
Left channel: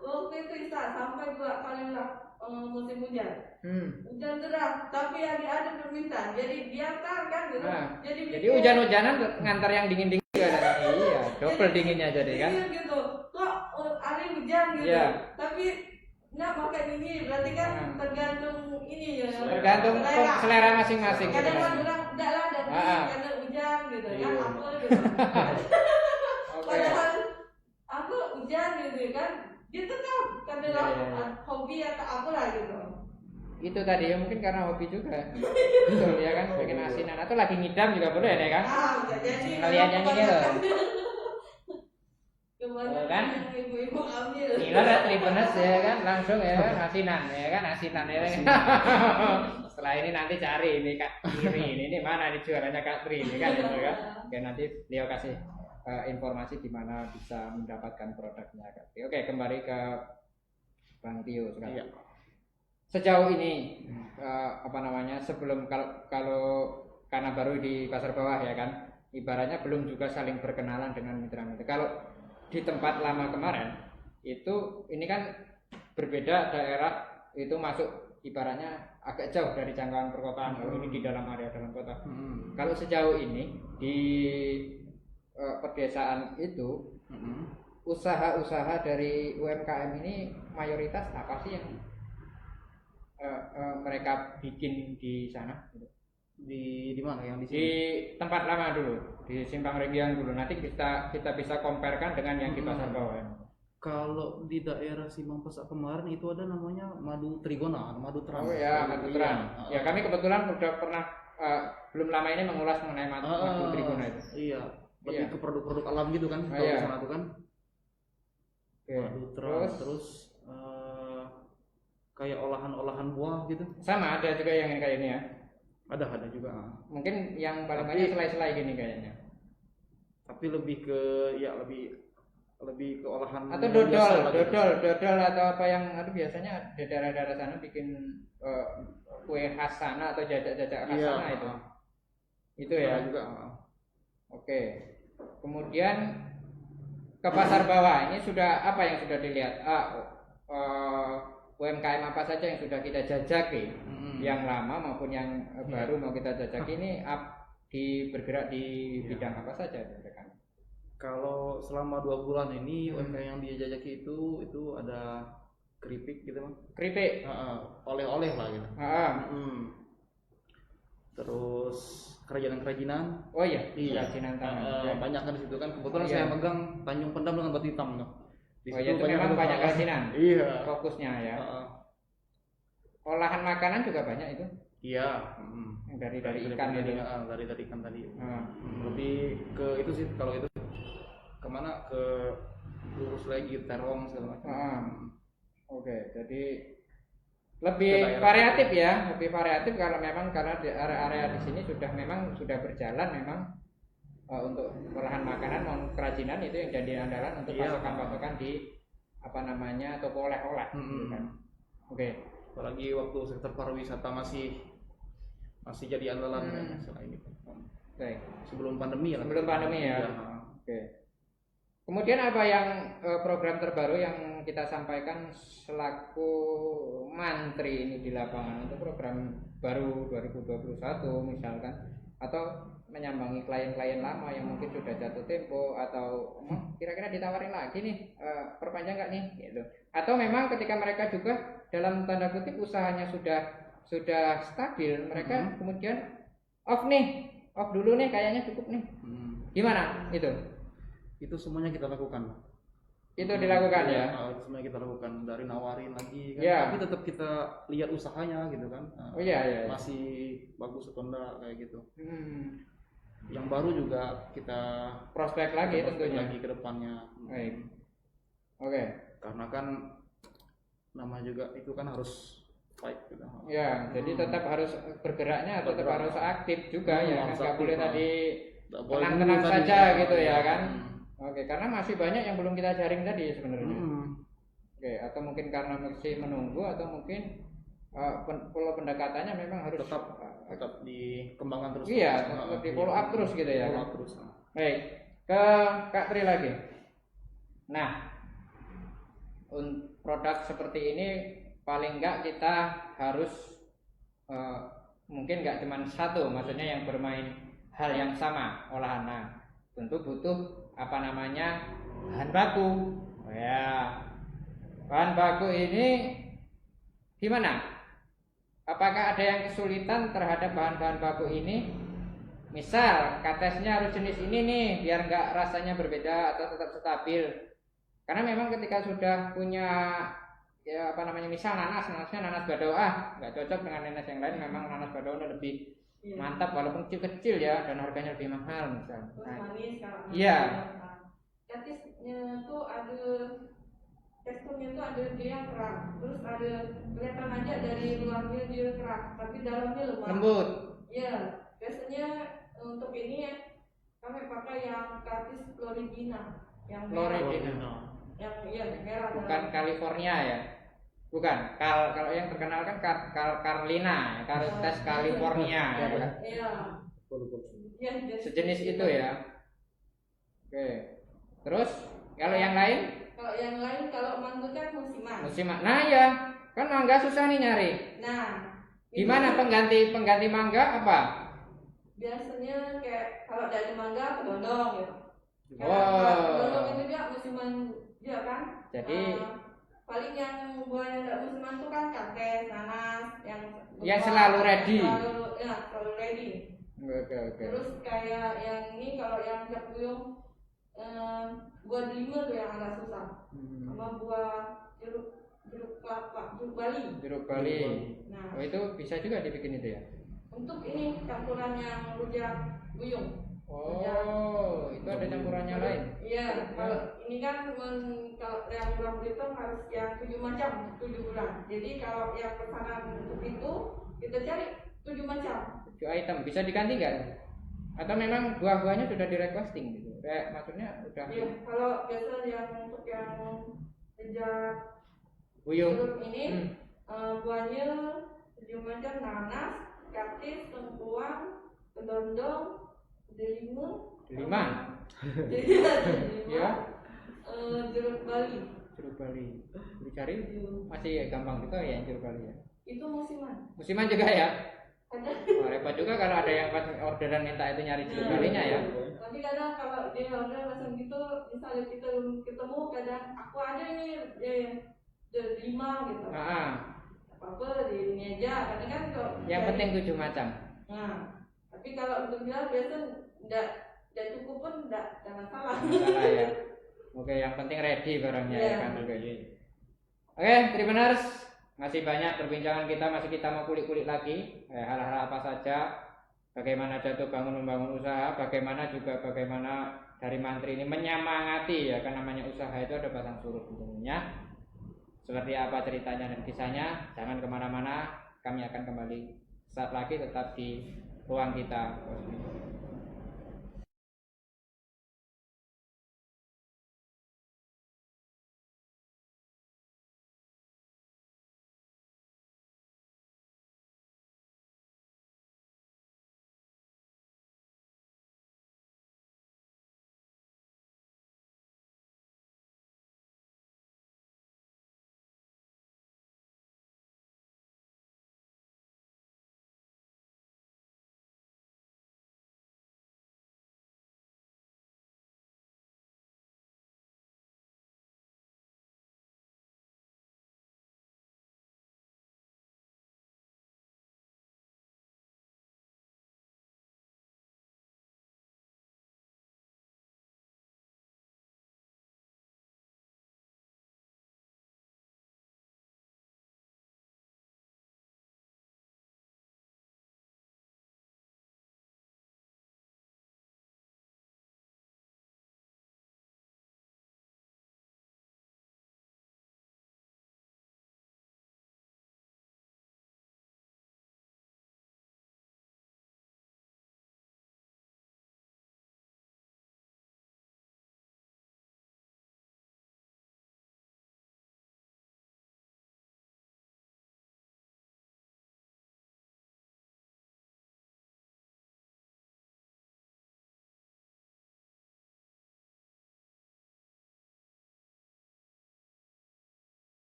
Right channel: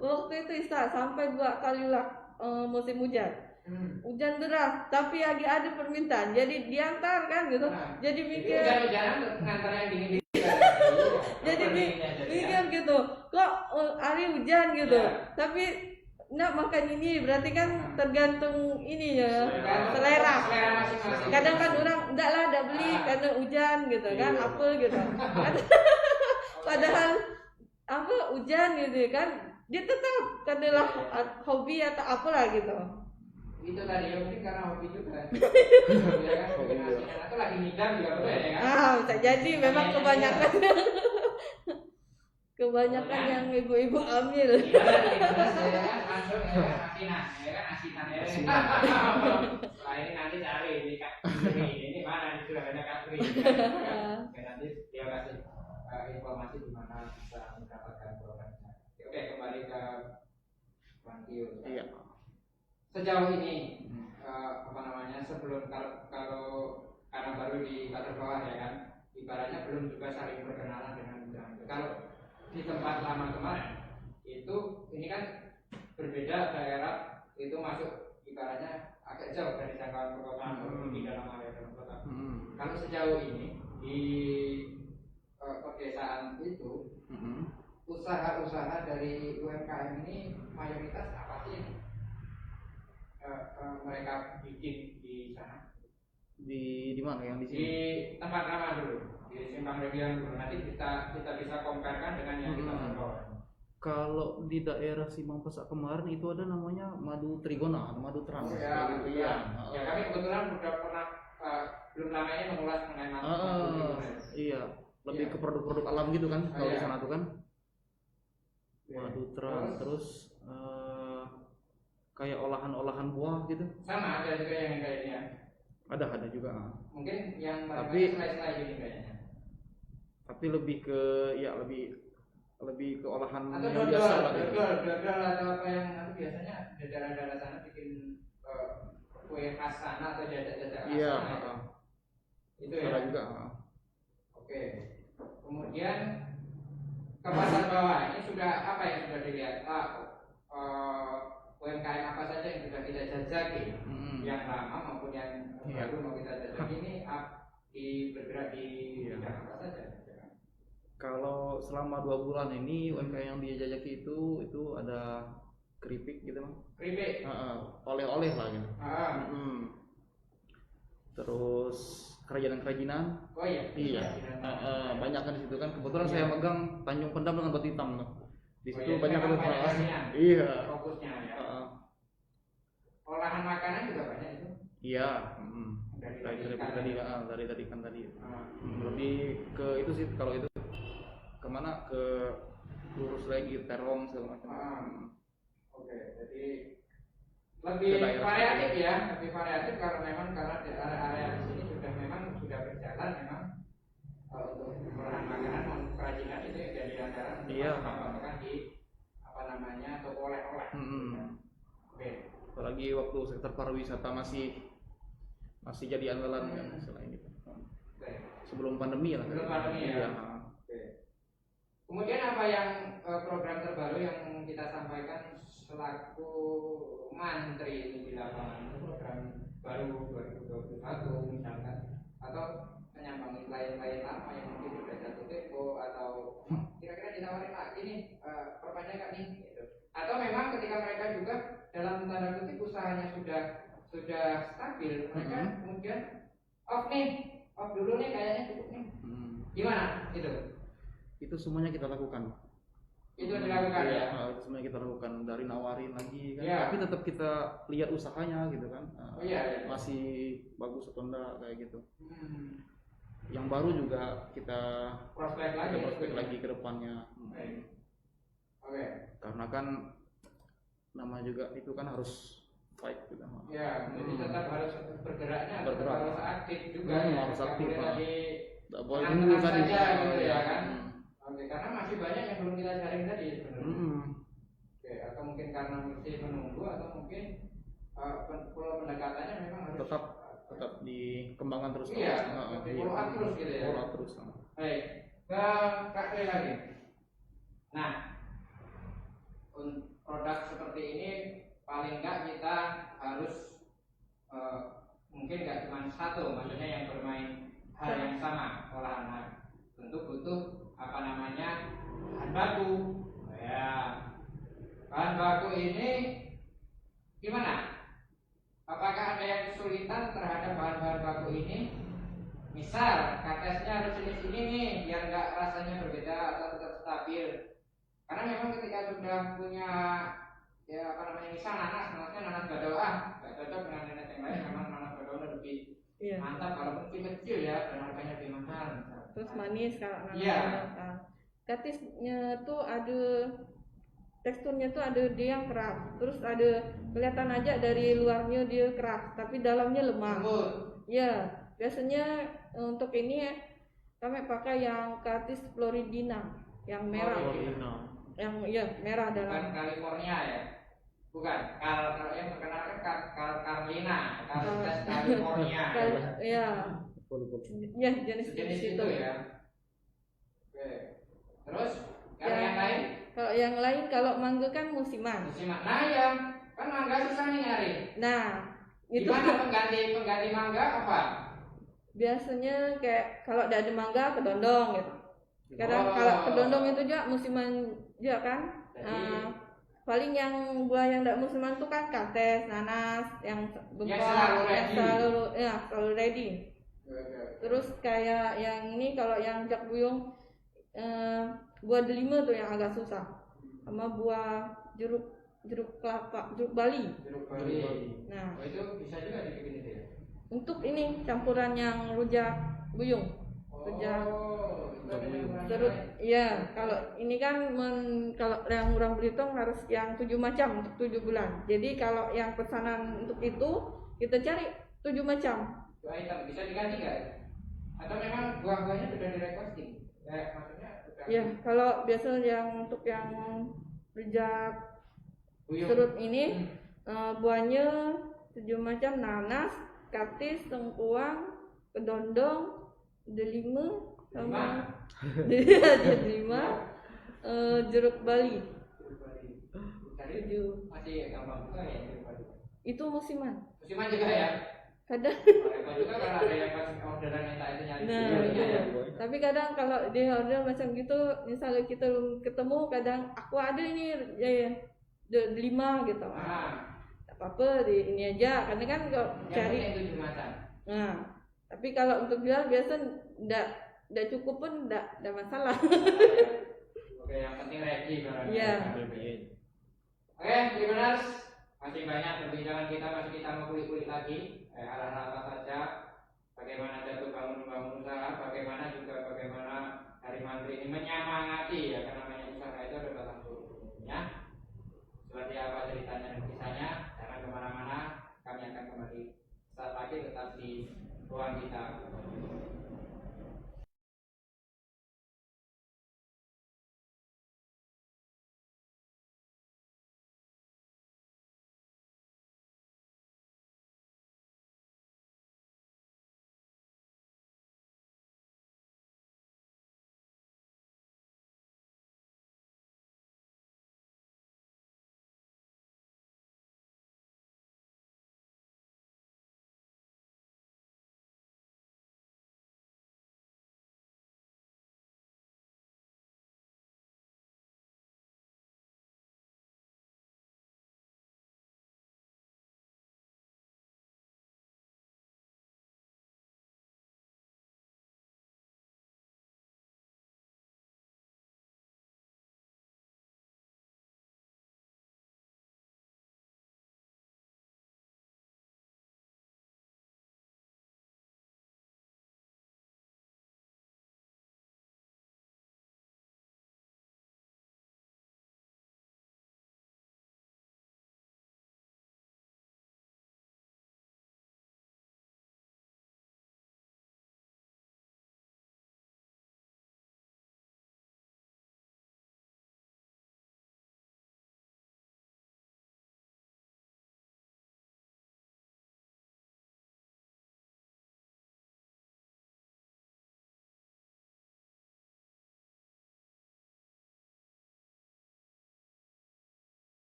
Waktu itu sampai 2 kali lah musim hujan. Hujan deras, tapi ada permintaan. Jadi diantar kan gitu. Nah, jadi hujan-hujanan ngantar yang dingin-dingin juga. Iya, double dinginnya jadi kan. Iya gitu. Kok hari hujan gitu. Yeah. Tapi makan ini berarti kan tergantung ini ya. Tergantung selera masing-masing. Kadang kan orang enggak lah ada beli karena hujan gitu kan, apa gitu. Padahal apa hujan gitu kan, dia tetap katalah hobi atau apalah gitu. Itu tadi ya mungkin karena hobi juga. Ya kan, bikin asinan atau lagi ngidam juga boleh ya kan? Bisa jadi memang kebanyakan yang ibu-ibu ambil. Gimana Tribuners ya kan, langsung ya kan asinan ya kan. Setelah ini nanti cari ini Kak Pri, ini mana dijualannya Kak Pri kan gitu kan. Oke, nanti dia kasih informasi di mana bisa mendapatkan produknya Kak Pri. Oke, kembali ke Bang Tio sekarang. Iya. Sejauh ini sebelum kalau karena baru di pasar bawah ya kan, ibaratnya belum juga saling berkenalan dengan mitra-mitra. Kalau di tempat lama kemarin itu ini kan berbeda daerah, itu masuk ibaratnya agak jauh dari jangkauan perkotaan. Ini di dalam area dalam kota. Kalau sejauh ini di pedesaan itu usaha-usaha dari UMKM ini mayoritas apa sih yang mereka bikin di sana? Di mana yang di sini? Di tempat lama dulu, di Simpang Region dulu. Nanti kita bisa comparekan dengan yang di pasar bawah. Kalau di daerah Simpang Pesak kemarin itu ada namanya Madu Trigona, Madu Trans. Oh ya, Madu Trans. Ya kami kebetulan udah pernah belum lama ini mengulas mengenai Madu Trigona itu. Iya, lebih ke produk-produk alam gitu kan kalau di sana tuh kan. Madu Trans terus kayak olahan-olahan buah gitu. Sama ada juga yang kayak ini ya. Ada juga. Mungkin yang paling banyak selai-selai gini kayaknya. Tapi lebih ke olahan atau dodol atau apa yang biasanya di daerah-daerah sana bikin kue khas sana atau jajak-jajak khas sana itu. Itu ya. Juga. Oke. Kemudian ke pasar bawah ini sudah apa yang sudah dilihat? UMKM apa saja yang sudah kita jajaki, yang lama maupun yang baru mau kita jajaki ini bergerak di bidang apa saja? Kalau selama 2 bulan ini UMKM yang dia jajaki itu ada keripik gitu Bang. Keripik? Oleh-oleh lah gitu. Terus kerajinan-kerajinan. Oh iya. Banyak kan di situ kan. Kebetulan saya megang Tanjung Pendam dengan Batu Hitam tuh. Di situ banyak kerajinan. Iya. Fokusnya ya. Olahan makanan juga banyak itu. Iya. Dari ikan tadi. Lebih ke itu sih kalau itu. Kemana ke lurus lagi terong segala macam. Oke, jadi lebih variatif ya, karena di area-area di sini sudah berjalan memang untuk olahan makanan non kerajinan itu yang jadi andalan untuk pasokan di toko oleh-oleh. Oke. Apalagi waktu sektor pariwisata masih jadi andalan kan selain itu. Sebelum pandemi lah. Sebelum pandemi ya. Oke. Kemudian apa yang program terbaru yang kita sampaikan selaku mantri ini di lapangan, itu program baru 2021 misalkan, atau menyambangi klien-klien lama yang mungkin sudah jatuh tempo atau kira-kira ditawarin lagi nih, perpanjang nggak nih gitu. Atau memang ketika mereka juga dalam tanda kutip usahanya sudah stabil, mereka kemudian off dulu nih, kayaknya cukup nih. Gimana itu semuanya kita lakukan. Itu dilakukan ya? Itu semuanya kita lakukan, dari nawarin lagi kan. Tapi tetap kita lihat usahanya gitu kan. Masih bagus atau enggak kayak gitu. Yang baru juga kita prospek lagi ke depannya. Oke. Karena kan nama juga itu kan harus fight gitu. Jadi tetap harus bergeraknya, tetap harus aktif juga ya. Harus aktif. Tidak boleh tenang saja gitu ya kan. Oke, karena masih banyak yang belum kita jaring tadi sebenarnya. Oke, atau mungkin karena masih menunggu atau mungkin pola pendekatannya memang harus tetap dikembangkan terus. Iya, di follow up terus gitu ya. Follow up terus. Baik, ke Kak Tri lagi. Nah, produk seperti ini paling enggak kita harus mungkin enggak cuma satu, maksudnya yang bermain hal yang sama olahan. Nah, tentu butuh bahan baku. Oh ya, bahan baku ini gimana? Apakah ada yang kesulitan terhadap bahan-bahan baku ini? Misal katesnya harus jenis ini nih, biar nggak rasanya berbeda atau tetap stabil. Karena memang ketika sudah punya misal nanasnya nanas Badoa nggak cocok dengan nanas yang lain. Memang nanas Badoa lebih mantap walaupun kecil ya, dan harganya lebih mahal misal. Terus manis kalau iya. Katisnya tuh ada teksturnya tuh ada dia yang keras, terus ada kelihatan aja dari luarnya dia keras, tapi dalamnya lemah. Lembut. Iya, biasanya untuk ini ya kami pakai yang Katis Floridina, yang merah. Yang merah dalam. Bukan California ya. Bukan. Kalau yang terkenal kan Carolina, Katis California. Iya. Ya, sejenis itu ya. Oke. Terus kalau yang lain? Kalau yang lain, kalau mangga kan musiman. Nah ya, kan mangga susah nih nyari. Nah, gimana pengganti mangga apa? Biasanya kayak kalau ada mangga kedondong gitu. Kalau kedondong itu juga musiman juga kan. Jadi paling yang buah yang tidak musiman itu kan kates, nanas, yang selalu ready. Selalu ready. Okay. Terus kayak yang ini kalau yang jak buyung buah delima tuh yang agak susah. Sama buah jeruk Bali. Jeruk Bali. Nah, itu bisa juga dibikin itu ya. Untuk ini campuran yang rujak buyung. Itu ada campurannya lain. Iya, kalau ini kan kalau yang murah Belitung harus yang 7 macam untuk 7 bulan. Jadi kalau yang pesanan untuk itu kita cari 7 macam. 7 item bisa diganti nggak? Atau memang buah-buahnya sudah di-requesting gitu? Maksudnya udah. Iya, kalau biasa yang untuk yang rujak buyung serut ini buahnya 7 macam: nanas, katis, lengkuang, kedondong, delima, jeruk Bali. Dicari itu masih gampang juga ya jeruk Bali ya. Itu musiman juga ya. Kadang repot juga kalau ada yang pas orderan minta itu nyari jeruk Balinya ya. Tapi kadang kalau dia order macam gitu, misalnya kita belum ketemu, kadang aku ada ini delima gitu. Apa-apa di ini aja, karena kan kalau yang penting 7 macam. Nah, tapi kalau untuk jual biasa enggak cukup pun enggak masalah. Ya. Oke, yang penting ready barangnya. Oke, Tribuners, masih banyak perbincangan kita, masih kita mau kulik-kulik lagi hal-hal apa saja, bagaimana jatuh bangun membangun usaha, bagaimana dari mantri ini menyemangati ya, kan namanya usaha itu ada batang suruh dulunya. Seperti apa ceritanya dan kisahnya, jangan kemana-mana, kami akan kembali saat lagi, tetap di ruang kita.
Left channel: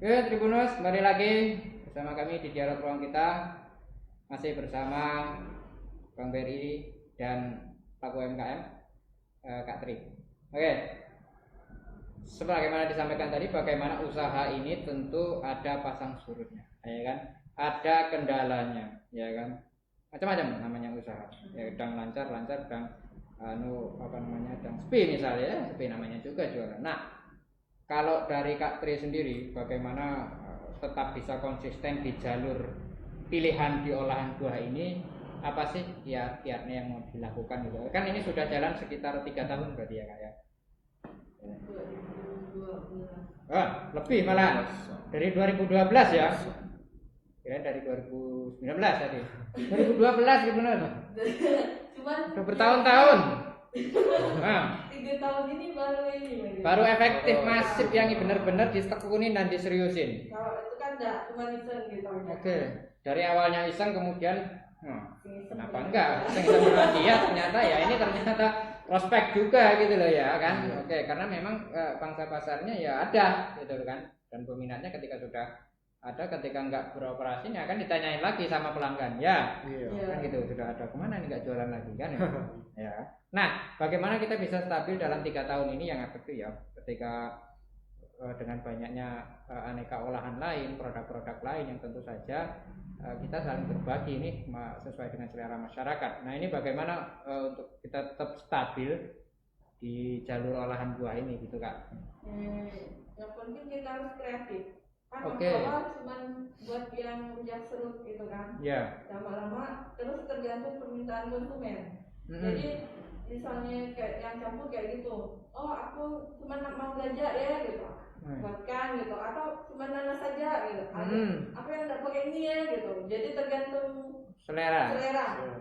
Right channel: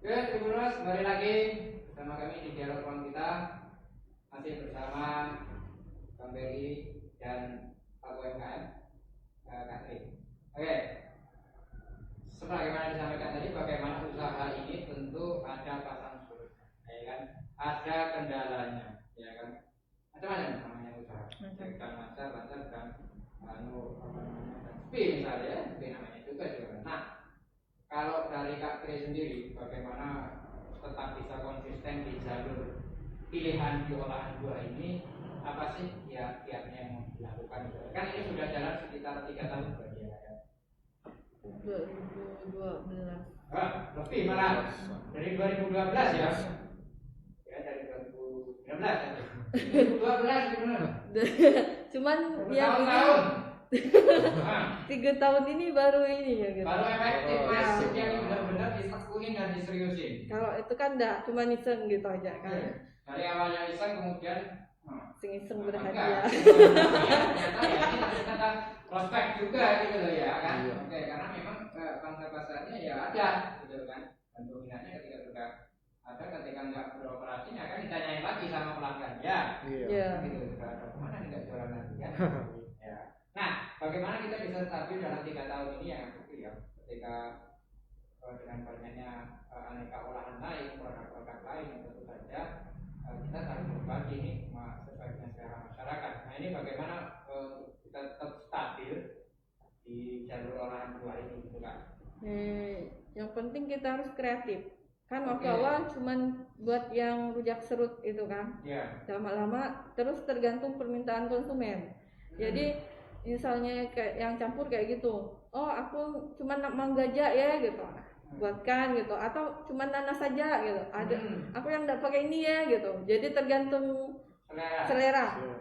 Oke, Tribuners, kembali lagi bersama kami di dialog ruang kita, masih bersama Bang Beri dan Pak UMKM, Kak Tri. Oke, sebagaimana disampaikan tadi, bagaimana usaha ini tentu ada pasang surutnya, ya kan? Ada kendalanya, ya kan? Macam-macam namanya usaha. Ya, sedang lancar, sedang sedang sepi misalnya, ya, sepi namanya juga jualan. Nah, kalau dari Kak Tri sendiri, bagaimana tetap bisa konsisten di jalur pilihan di olahan buah ini? Apa sih ya kiatnya yang mau dilakukan gitu? Kan ini sudah jalan sekitar 3 tahun berarti ya Kak ya? 2012. Lebih malah dari 2012 ya? Ya dari 2019 tadi. 2012 benar. Cuman bertahun-tahun. Nah, 3 tahun ini baru ini ya gitu. Baru efektif masif yang benar-benar ditekunin dan diseriusin. Kalau itu kan enggak cuma iseng gitu aja kan. Oke. Dari awalnya iseng kemudian iseng kenapa enggak? Iya ternyata ya ini ternyata prospek juga gitu loh ya kan. Oke, karena memang pangsa pasarnya ya ada gitu kan. Dan peminatnya ketika sudah ada, ketika enggak beroperasi akan ditanyain lagi sama pelanggan. Ya. Iya. Kan gitu sudah ada, kemana nih enggak jualan lagi kan? Ya. Nah, bagaimana kita bisa stabil dalam 3 tahun ini yang efektif ya, ketika dengan banyaknya aneka olahan lain, produk-produk lain yang tentu saja kita saling berbagi ini sesuai dengan selera masyarakat. Nah, ini bagaimana untuk kita tetap stabil di jalur olahan buah ini gitu Kak? Yang penting kita harus kreatif. Kan waktu awal cuman buat yang rujak serut itu kan. Iya. Lama-lama terus tergantung permintaan konsumen. Jadi misalnya kayak yang campur kayak gitu, oh aku cuma mau gajah ya gitu, buatkan gitu, atau cuma nanas saja gitu, ada aku yang nggak pakai ini ya gitu. Jadi tergantung selera.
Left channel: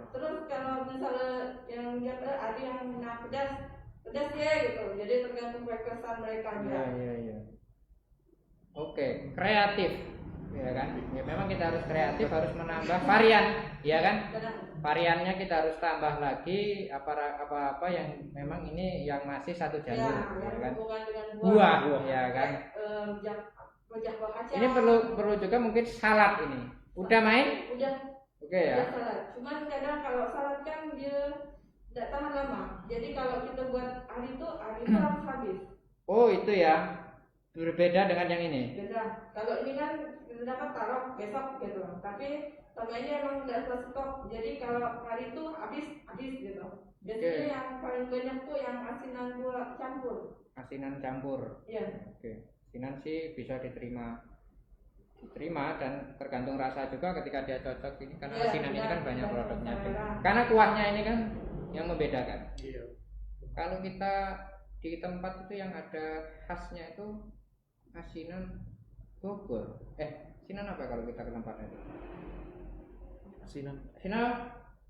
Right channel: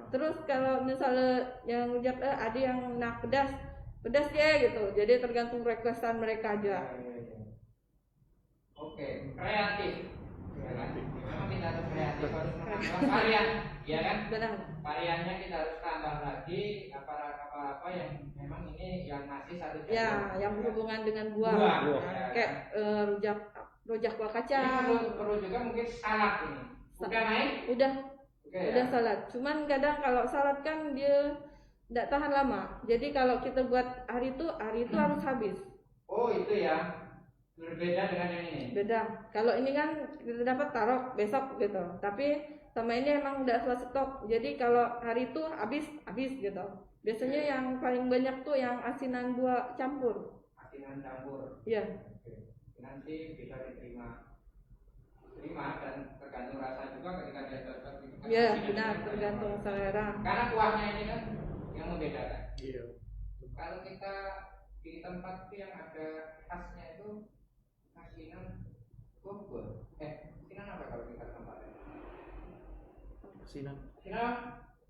Terus kalau misalnya yang rujak ada yang pedas ya gitu, jadi tergantung requestan mereka aja. Iya. Oke, kreatif ya kan? Ya, memang kita harus kreatif, harus menambah varian, ya kan? Benar. Variannya kita harus tambah lagi apa-apa yang memang ini yang masih satu jalur. Ya, yang berhubungan dengan buah. Ya kan? Rujak buah kacang. Ini perlu juga mungkin salad ini. Udah main? Udah. Oke ya. Udah salad. Cuman kadang kalau salad kan dia tidak tahan lama. Jadi kalau kita buat hari itu harus habis. Oh, itu ya. Berbeda dengan yang ini. Beda. Kalau ini kan kita dapat taruh besok gitu. Tapi sama ini emang udah selesai stok. Jadi kalau hari itu habis gitu. Biasanya yang paling banyak tuh yang asinan buah campur. Asinan campur. Iya. Oke. Asinan sih bisa diterima dan tergantung rasa juga ketika dia cocok ini kan asinan ini kan banyak produknya. Karena kuahnya ini kan yang membedakan. Iya. Kalau kita di tempat itu yang ada khasnya itu asinan Bogor. Asinan apa kalau kita ke tempatnya? Asinan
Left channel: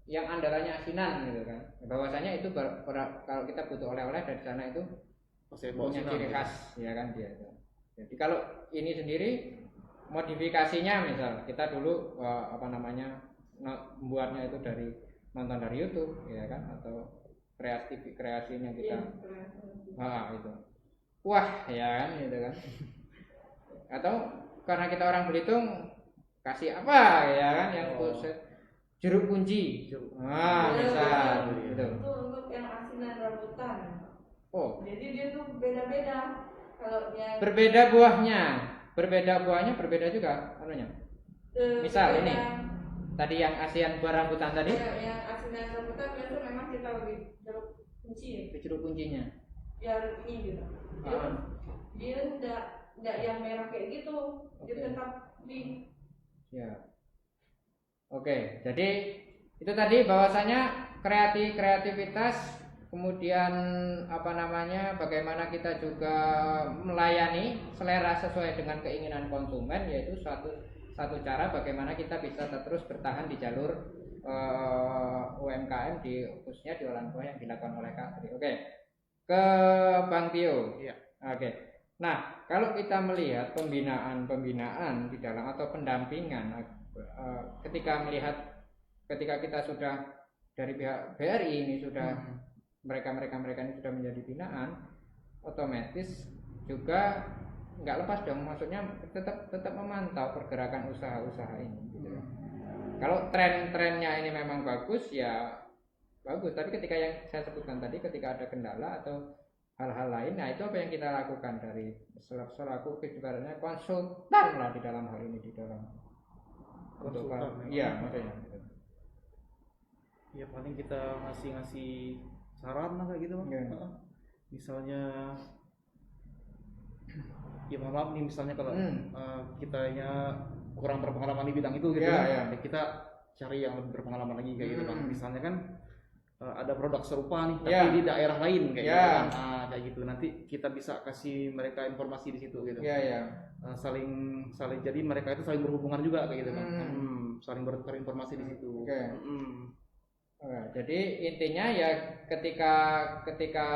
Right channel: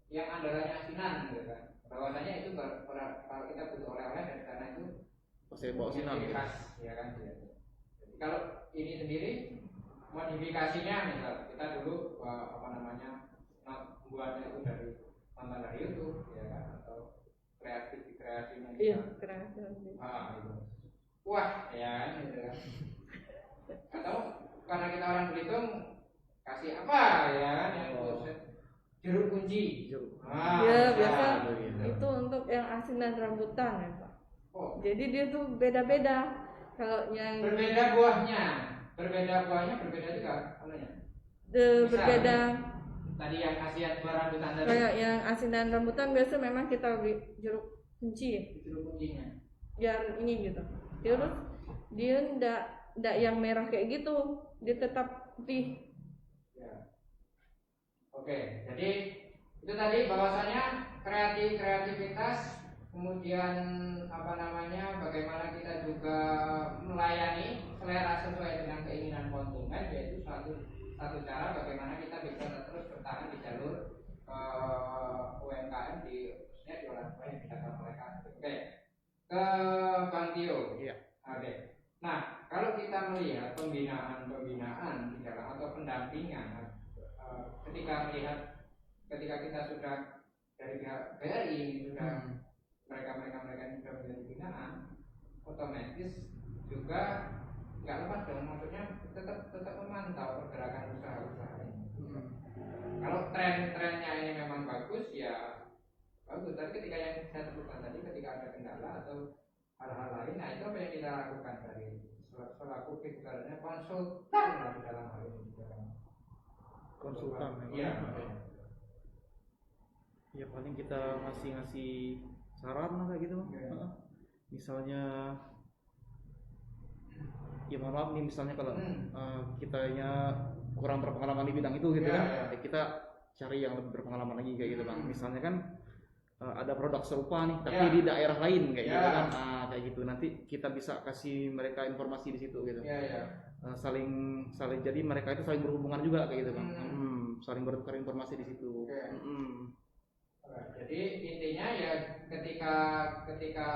yang andalannya asinan gitu kan. Bahwasanya itu kalau kita butuh oleh-oleh dari sana itu pasti bawa asinan khas ya kan dia. Jadi kalau ini sendiri modifikasinya misal kita dulu membuatnya itu dari nonton dari YouTube ya kan, atau kreasinya kita. Itu. Wah, ya kan gitu kan. Atau karena kita orang Belitung kasih apa ya kan yang jeruk kunci. Itu untuk yang asinan rambutan. Jadi dia tuh beda-beda. Kalau yang berbeda buahnya berbeda juga anunya. Misal tadi yang asinan buah rambutan tadi. Yang asinan rambutan biasa memang kita beli jeruk kunci. Jeruk kuncinya. Ya ini gitu. Dia enggak yang merah kayak gitu, dia tetap putih. Ya. Oke, jadi itu tadi bahwasanya kreativitas, kemudian bagaimana kita juga melayani selera sesuai dengan keinginan konsumen, yaitu satu cara bagaimana kita bisa terus bertahan di jalur UMKM khususnya di olahan buah yang dilakukan oleh Kak Tri. Oke. Ke Bang Tio. Iya. Oke. Nah, kalau kita melihat pembinaan di dalam atau pendampingan ketika kita sudah dari pihak BRI ini sudah mereka ini sudah menjadi binaan, otomatis juga nggak lepas dong, maksudnya tetap memantau pergerakan usaha-usaha ini. Kalau tren-trennya ini memang bagus ya bagus, tapi ketika yang saya sebutkan tadi, ketika ada kendala atau hal-hal lain, nah itu apa yang kita lakukan dari selaku ibaratnya konsultan lah di dalam hal ini, di dalam konsultan. Iya, maksudnya. Ya paling kita ngasih saran lah kayak gitu, Bang. Misalnya ya mohon maaf nih, misalnya kalau kitanya kurang berpengalaman di bidang itu gitu kan, ya kita cari yang lebih berpengalaman lagi kayak gitu, Bang. Misalnya kan ada produk serupa nih tapi di daerah lain kayak gitu kan, kayak gitu nanti kita bisa kasih mereka informasi di situ gitu. Saling jadi mereka itu saling berhubungan juga kayak gitu, Bang. Saling bertukar informasi di situ. Jadi intinya ya ketika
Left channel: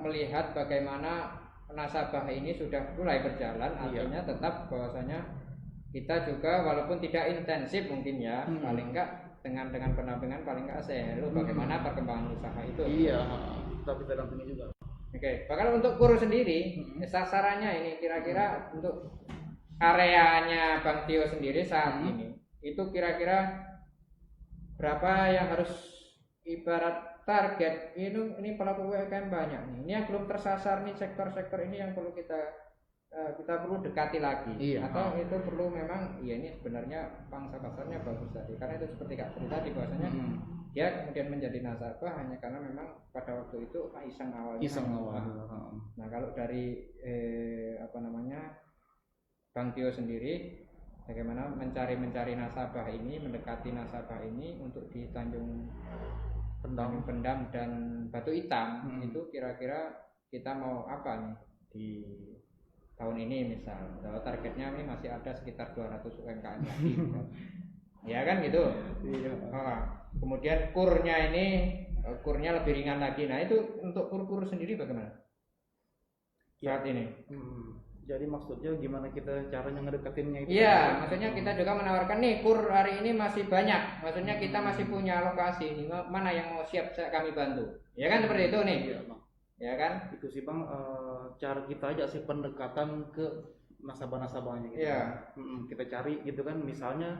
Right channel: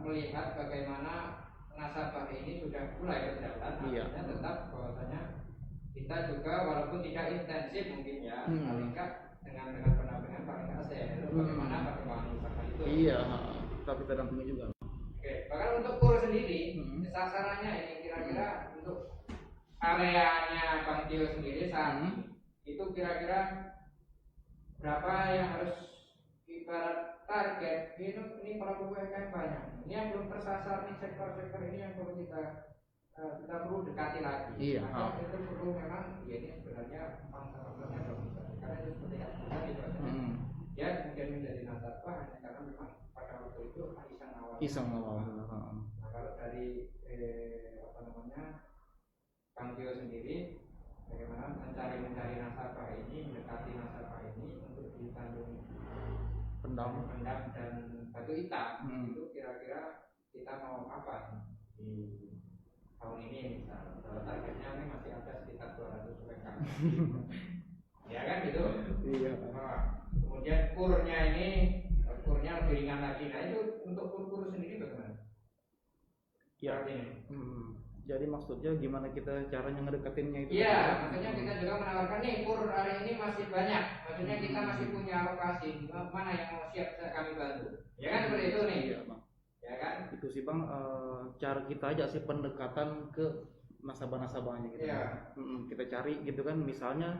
melihat bagaimana nasabah ini sudah mulai berjalan, artinya tetap bahwasanya kita juga walaupun tidak intensif mungkin ya, paling enggak dengan pendampingan paling enggak selalu bagaimana perkembangan usaha itu. Iya, tapi kita dampingi juga. Bahkan untuk KUR sendiri, sasarannya ini kira-kira untuk areanya Bang Tio sendiri saat ini itu kira-kira berapa yang harus, ibarat target ini pelaku UMKM banyak nih. Ini yang belum tersasar nih, sektor-sektor ini yang perlu kita perlu dekati lagi. Atau itu perlu memang ya ini sebenarnya pangsa pasarnya bagus tadi, karena itu seperti Kak Tri tadi bahwasanya dia kemudian menjadi nasabah hanya karena memang pada waktu itu iseng awal. Nah kalau dari Bang Tio sendiri bagaimana mencari nasabah ini, mendekati nasabah ini untuk di Tanjung Pendam dan Batu Hitam, itu kira-kira kita mau apa nih di tahun ini, misal bahwa targetnya ini masih ada sekitar 200 UMKM ya kan gitu. Kemudian kurnya lebih ringan lagi. Nah itu untuk kur sendiri bagaimana saat ini? Jadi maksudnya gimana kita caranya ngedekatinnya itu? Iya, maksudnya kita juga menawarkan nih kur hari ini masih banyak. Maksudnya kita masih punya alokasi, mana yang mau siap kami bantu. Ya kan seperti itu nih. Iya, Bang. Ya kan? Itu sih, Bang, cara kita aja sih pendekatan ke nasabah-nasabahnya gitu. Kita cari gitu kan, misalnya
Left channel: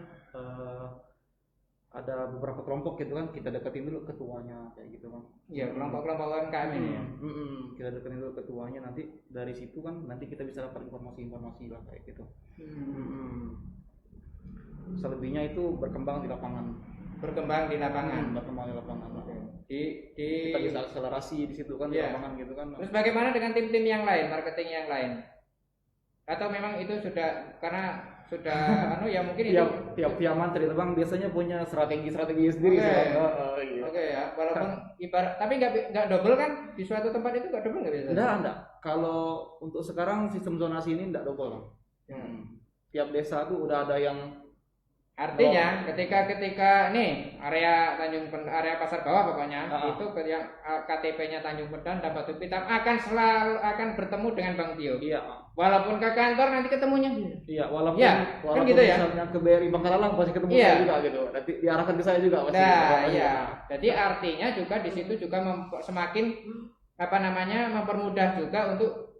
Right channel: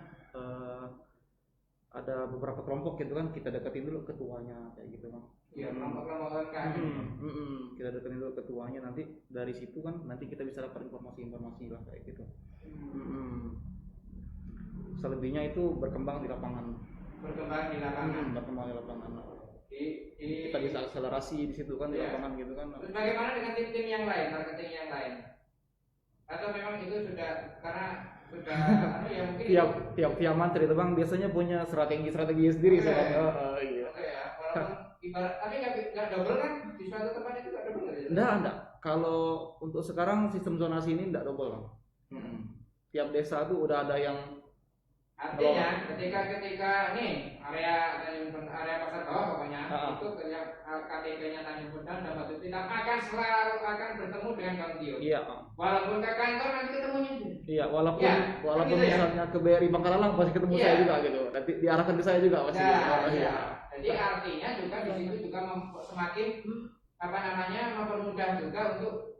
ada beberapa kelompok gitu kan, kita deketin dulu ketuanya kayak gitu, Bang. Iya, kelompok-kelompok UMKM ini. Kita deketin dulu ketuanya, nanti dari situ kan nanti kita bisa dapat informasi lah kayak gitu. Selebihnya itu berkembang di lapangan. Berkembang di lapangan. Kita bisa akselerasi di situ kan, di lapangan gitu kan. Terus bagaimana dengan tim-tim yang lain, marketing yang lain? Atau memang itu sudah karena sudah ya mungkin tiap Fiaman itu, Bang, biasanya punya strategi sendiri sih, Bang. Ya, walaupun ibarat tapi nggak double kan di suatu tempat itu nggak double nggak bisa? Enggak. Kalau untuk sekarang sistem zonasi ini nggak double, Bang. Tiap desa tuh udah ada yang, artinya ketika nih area pasar bawah pokoknya itu yang KTP-nya Tanjung Pendam dan Batu Hitam akan bertemu dengan Bang Tio. Iya. Walaupun ke kantor nanti ketemunya. Iya, walaupun gitu misalnya ke BRI Bangkalalang pasti ketemu saya juga gitu. Nanti diarahkan ke saya juga pasti. Jadi artinya juga di situ juga semakin mempermudah juga untuk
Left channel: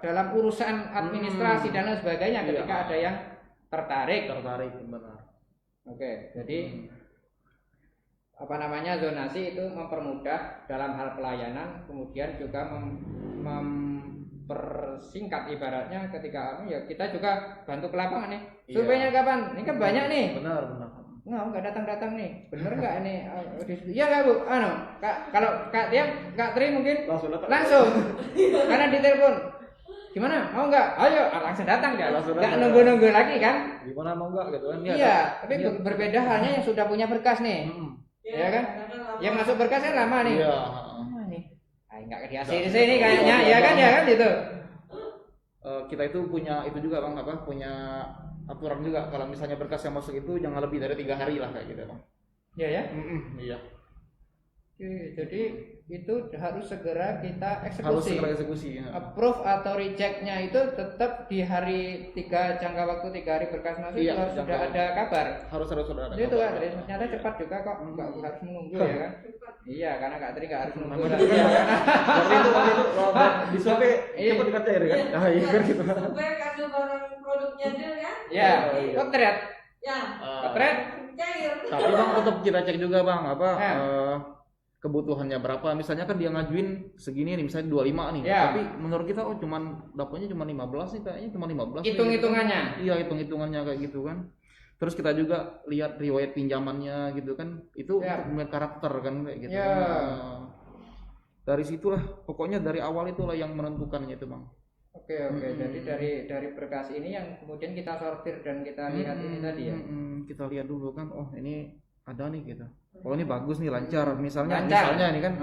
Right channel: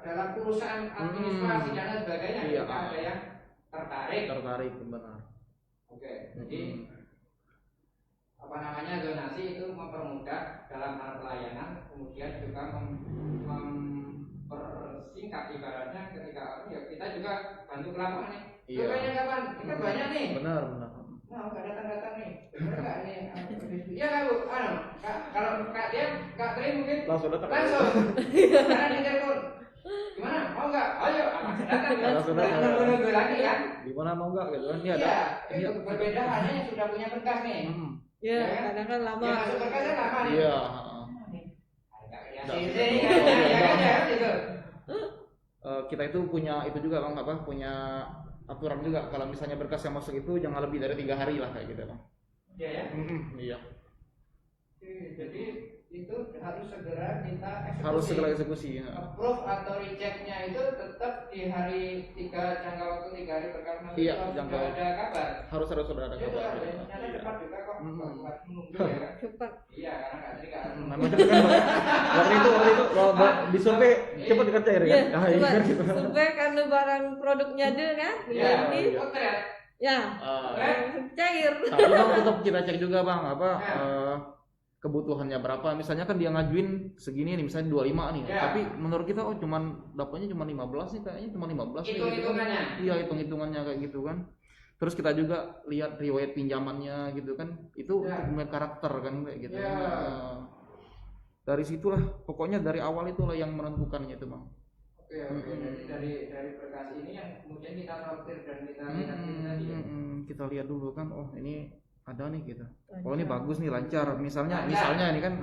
dalam urusan administrasi dan lain sebagainya ketika ada yang tertarik benar. Jadi zonasi itu mempermudah dalam hal pelayanan, kemudian juga mempersingkat ibaratnya ketika kita juga bantu ke lapangan nih. Surveinya kapan? Ini kan banyak nih. Benar. Nggak datang nih, bener nggak ini? Iya nggak Bu? Kalau Kak Tri mungkin langsung, karena ditelepon. Gimana? Mau nggak? Ayo, langsung datang kan? Nggak nunggu lagi kan? Gimana mau nggak gitu kan? Iya, tapi berbeda hanya yang sudah punya berkas nih. Ya kan? Yang masuk berkasnya lama nih. Iya. Nggak di sini kayaknya, ya kan gitu. Kita itu punya itu juga, Bang, punya aturan juga, kalau misalnya berkas yang masuk itu jangan lebih dari 3 hari lah kayak gitu, Bang. Iya ya? Iya. Jadi itu harus segera kita eksekusi. Approve atau rejectnya itu tetap di hari 3, jangka waktu 3 hari berkas masuk itu harus sudah ada kabar. Harus sudah ada itu kabar. Itu ternyata cepat juga kok, nggak harus menunggu ya kan? Cepat. Iya, karena Kak Tri nggak harus menunggu. Memang itu kan, waktu itu disurvei cepat dikerja ya kan? Ah iya kan gitu. Survei karena barang produknya dia kan. Ya, potret. Ya. Potret cair. Tapi Bang tetap kita cek juga Bang kebutuhannya berapa. Misalnya kan dia ngajuin segini nih, misalnya 25 nih. Tapi menurut kita dapatnya cuma 15 nih, kayaknya cuma 15. Hitung-hitungannya. Iya, hitung-hitungannya kayak gitu kan. Terus kita juga lihat riwayat pinjamannya gitu kan. Itu untuk melihat karakter kan kayak gitu. Dari situlah pokoknya dari awal itulah yang menentukannya itu Bang. Oke. Jadi dari berkas ini yang kemudian kita sortir dan kita lihat ini tadi ya. Kita lihat dulu kan, oh ini ada nih gitu. Oh ini bagus nih, lancar. Misalnya ini kan,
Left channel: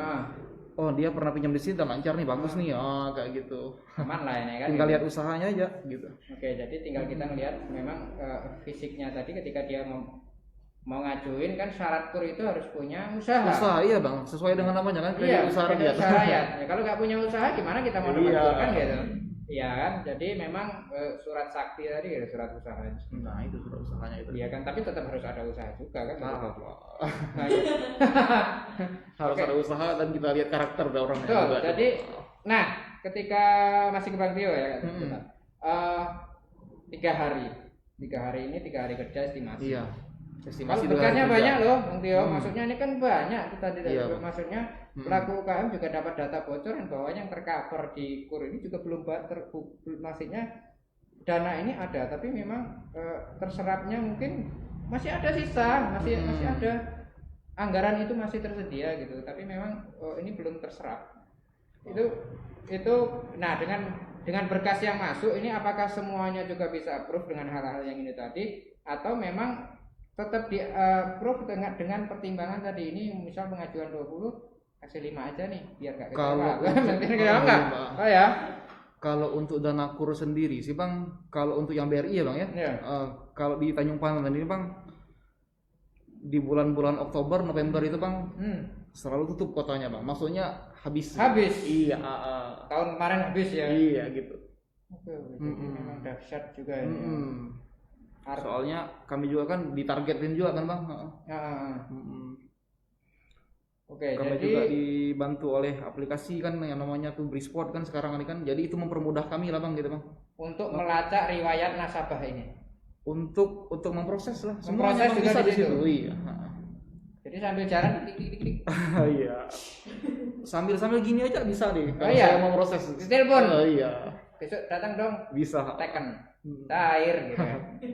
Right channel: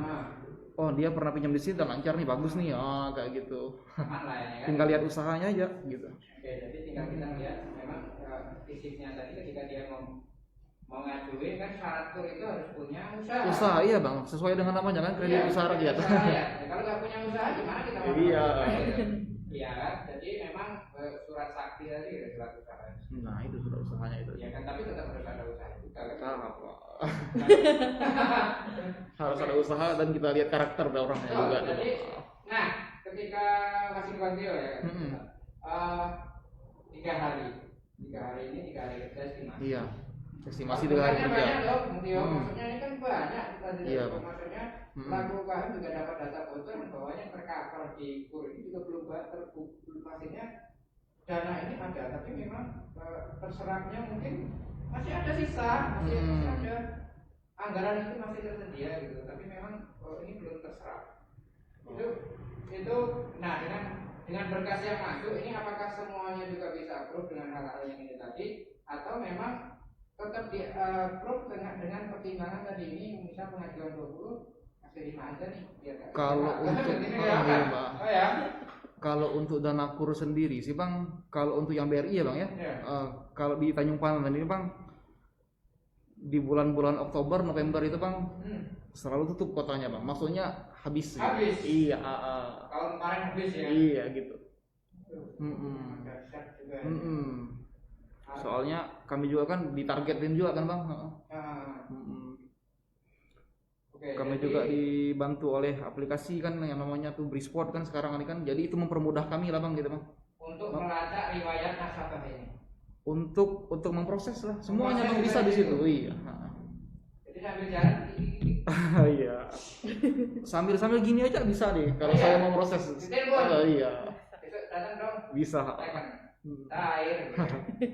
oh dia pernah pinjam di sini dan lancar nih, bagus nih. Oh kayak gitu. Aman lah ini kan. Tinggal lihat usahanya aja gitu. Oke, jadi tinggal kita lihat memang fisiknya tadi ketika dia mau ngajuin kan syarat kur itu harus punya usaha. Usaha iya Bang, sesuai dengan namanya kan kredit usaha rakyat. Ya, kalau nggak punya usaha gimana kita mau mengajukan gitu. Iya kan, jadi memang surat sakti tadi ya surat usaha. Nah itu surat usahanya itu. Iya kan, tapi tetap harus ada usaha juga kan. Harus ada usaha dan kita lihat karakter dari orangnya juga. Jadi, nah ketika masih ke Bang Tio ya, 3 hari kerja estimasi. Iya. Estimasi dengan banyak loh, Bang Tio. Maksudnya ini kan banyak kita maksudnya pelaku UKM juga dapat data bocoran bahwa yang tercover di KUR ini juga belum maksudnya dana ini ada, tapi memang terserapnya mungkin masih ada sisa, masih ada anggaran itu masih tersedia gitu, tapi memang ini belum terserap. Itu nah dengan berkas yang masuk ini apakah semuanya juga bisa approve dengan hal-hal yang ini tadi, atau memang tetap di approve dengan pertimbangan tadi ini, misal pengajuan 20 kasih 5 aja nih biar gak kalau untuk dana KUR sendiri sih Bang, kalau untuk yang BRI ya Bang ya, kalau di Tanjung Pandan ini Bang di bulan-bulan Oktober November itu Bang selalu tutup kotanya Bang, maksudnya habis. Iya. Tahun kemarin habis ya. Iya gitu. Dahsyat juga ya. Soalnya kami juga kan ditargetin juga kan Bang. Kami juga dibantu oleh aplikasi kan yang namanya tuh Brisport kan sekarang ini kan, jadi itu mempermudah kami lah Bang gitu Bang. Untuk melacak riwayat nasabah ini. Untuk memproses lah, semuanya Bang bisa di situ. Iya. Jadi sambil jalan klik. Iya. Sambil gini aja bisa deh kalau saya mau proses. Telepon. Iya. Besok datang dong. Bisa. Tekan. Cair.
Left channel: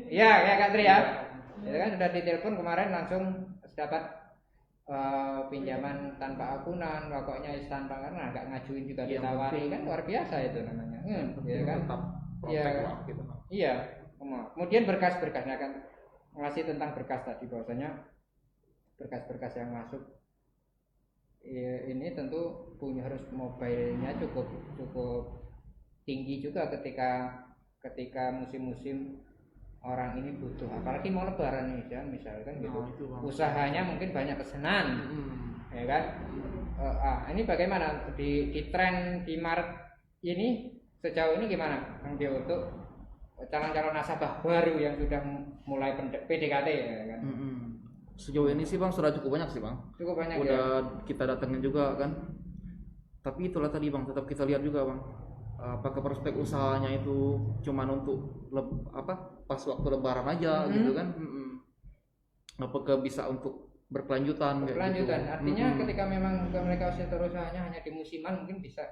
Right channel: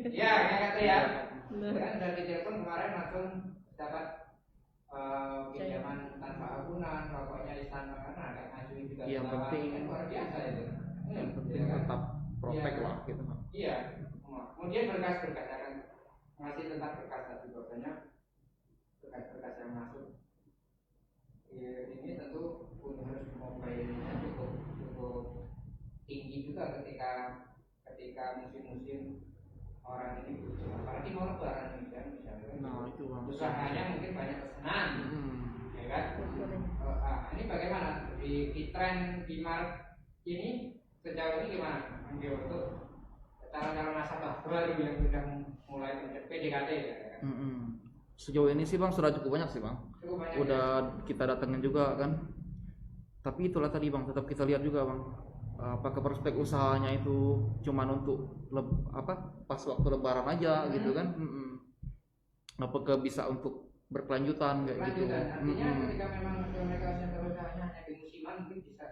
Iya, ya Katri ya. Ya kan sudah ditelepon kemarin langsung dapat pinjaman tanpa akunan, pokoknya tanpa karena nggak ngajuin juga ditawari kan, luar biasa itu namanya. Yang penting kan? Tetap protek lah gitu. Iya. Kemudian berkas-berkasnya kan ngasih tentang berkas tadi bahwasanya berkas-berkas yang masuk ini tentu harus mobile-nya cukup tinggi juga ketika musim-musim orang ini butuh, apalagi mau lebaran nih kan misalkan gitu. Usahanya mungkin banyak pesanan, ya kan? Ini bagaimana di tren di Maret ini sejauh ini gimana Bang Tio untuk calon-calon nasabah baru yang sudah mulai PDKT ya kan? Sejauh ini sih Bang sudah cukup banyak sih Bang. Cukup banyak. Udah kita datengin juga kan. Tapi itulah tadi Bang, tetap kita lihat juga Bang. Apakah prospek usahanya itu cuman untuk pas waktu lebaran aja gitu kan? Apakah bisa untuk berkelanjutan kayak gitu? Artinya ketika memang mereka usahanya hanya di musiman mungkin bisa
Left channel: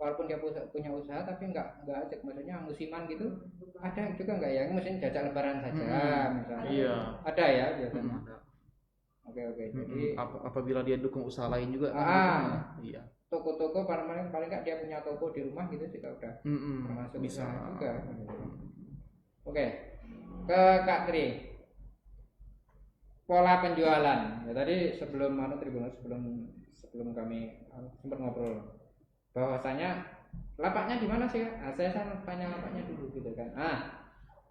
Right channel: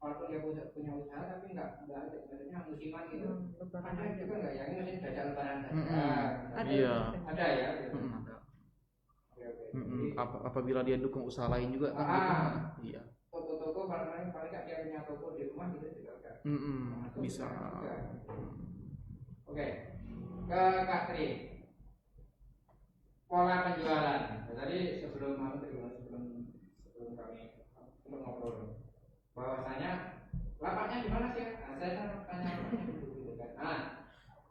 walaupun dia punya usaha tapi nggak ajak, maksudnya musiman gitu ada juga nggak ya? Maksudnya jajak lebaran saja. Iya. Ada ya? Ada. Oke. Jadi apabila dia dukung usaha lain juga kan? Iya. Toko-toko paling nggak dia punya toko di rumah gitu juga udah masuk bisa juga. Oke, ke Kak Tri, pola penjualan ya, tadi sebelum kami sempat ngobrol bahwasanya lapaknya gimana sih? Saya tanya lapaknya dulu gitu kan.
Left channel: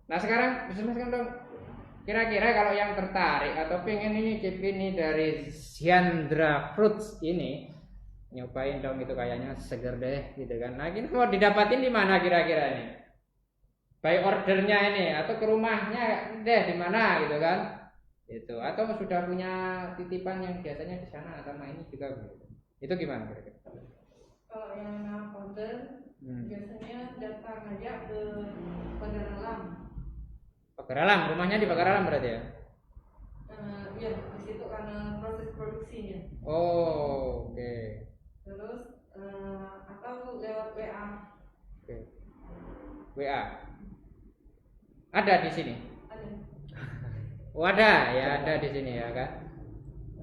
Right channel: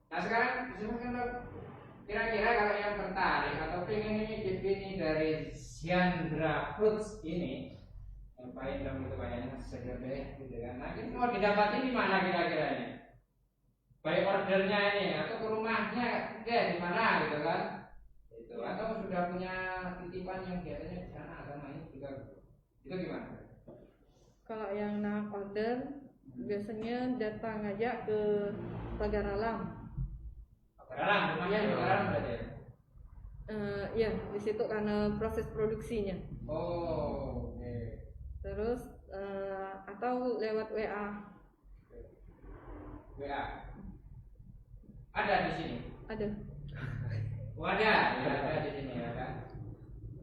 Nah sekarang dong, kira-kira kalau yang tertarik atau pengen ini dari Syandra Fruits ini nyobain dong, itu kayaknya seger deh gitu kan. Nah ini mau didapatin di mana kira-kira ini? By ordernya ini atau ke rumahnya deh di mana gitu kan? Itu atau sudah punya titipan yang biasanya di sana sama ini juga. Itu gimana? Kalau yang nak order biasanya datang aja ke Pagar Alam. Pagar Alam, rumahnya di Pagar Alam berarti ya? Iya, di situ karena proses produksinya. Oh, oke. Terus atau lewat WA. Oke. WA. Ada di sini? Ada. Oh, ada, ya ada di sini ya kan.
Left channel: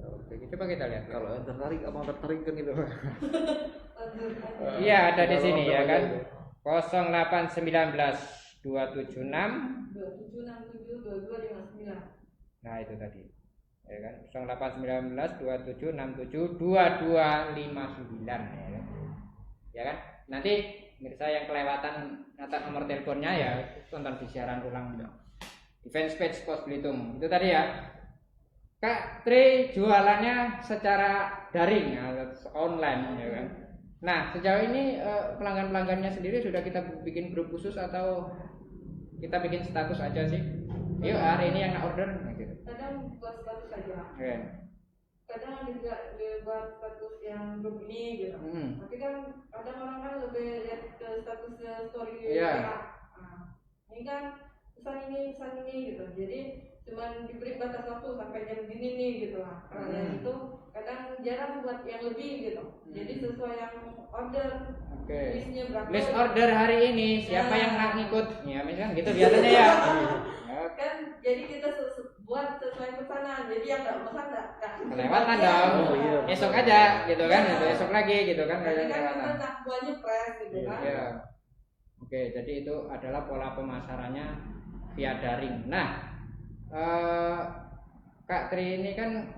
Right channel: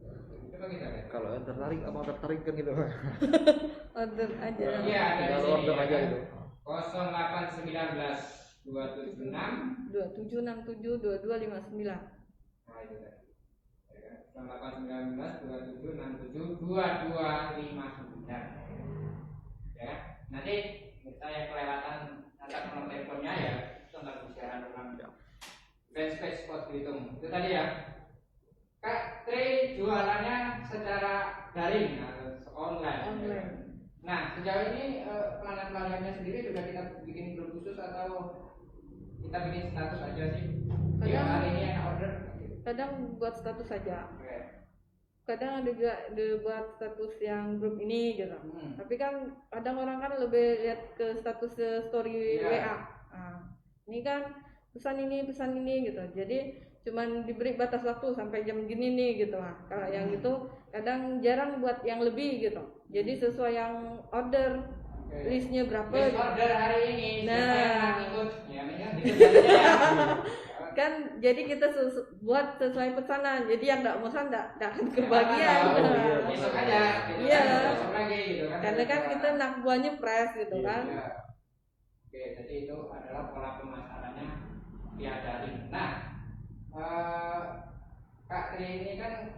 Oke, coba kita lihat. Kalau yang tertarik, abang tertarik kan gitu. Order aja. Iya, ada di sini ya kan. Gitu. 0819 276 2767 2259. Nah, itu tadi. Ya kan? 0819 2767 2259 ya kan. Ya kan? Nanti mirsa yang kelewatan nyatat nomor teleponnya ya tonton di siaran ulang di fanpage Pos Belitung. Itu tadi ya. Kak Tri jualannya secara daring atau online ya kan. Nah, sejauh ini pelanggan-pelanggannya sendiri sudah kita bikin grup khusus atau kita bikin status aja sih? Yuk hari ini yang order gitu. Kadang buat status saja. Okay. Kadang ada juga buat status yang grup ini gitu. Tapi kan kadang orang kan lebih lihat ke status story WA. Nah, ini kan pesan ini gitu. Jadi cuman diberi batas waktu sampai jam gini nih gitu lah. Kalau yang itu kadang jarang buat yang lebih gitu. Jadi sesuai yang order. Listnya berapa? List order hari ini siapa yang nak ikut? Ya kan gitu biasanya ya. Kan jadi kita buat sesuai pesanan. Jadi yang nggak pesan nggak kebagian. Oh iya. Besok aja gitu kan. Besok lagi gitu kan. Karena kan kita nak buahnya fresh gitu kan. Iya. Oke, jadi itu adalah pola pemasarannya via daring. Nah, Kak Tri ini kan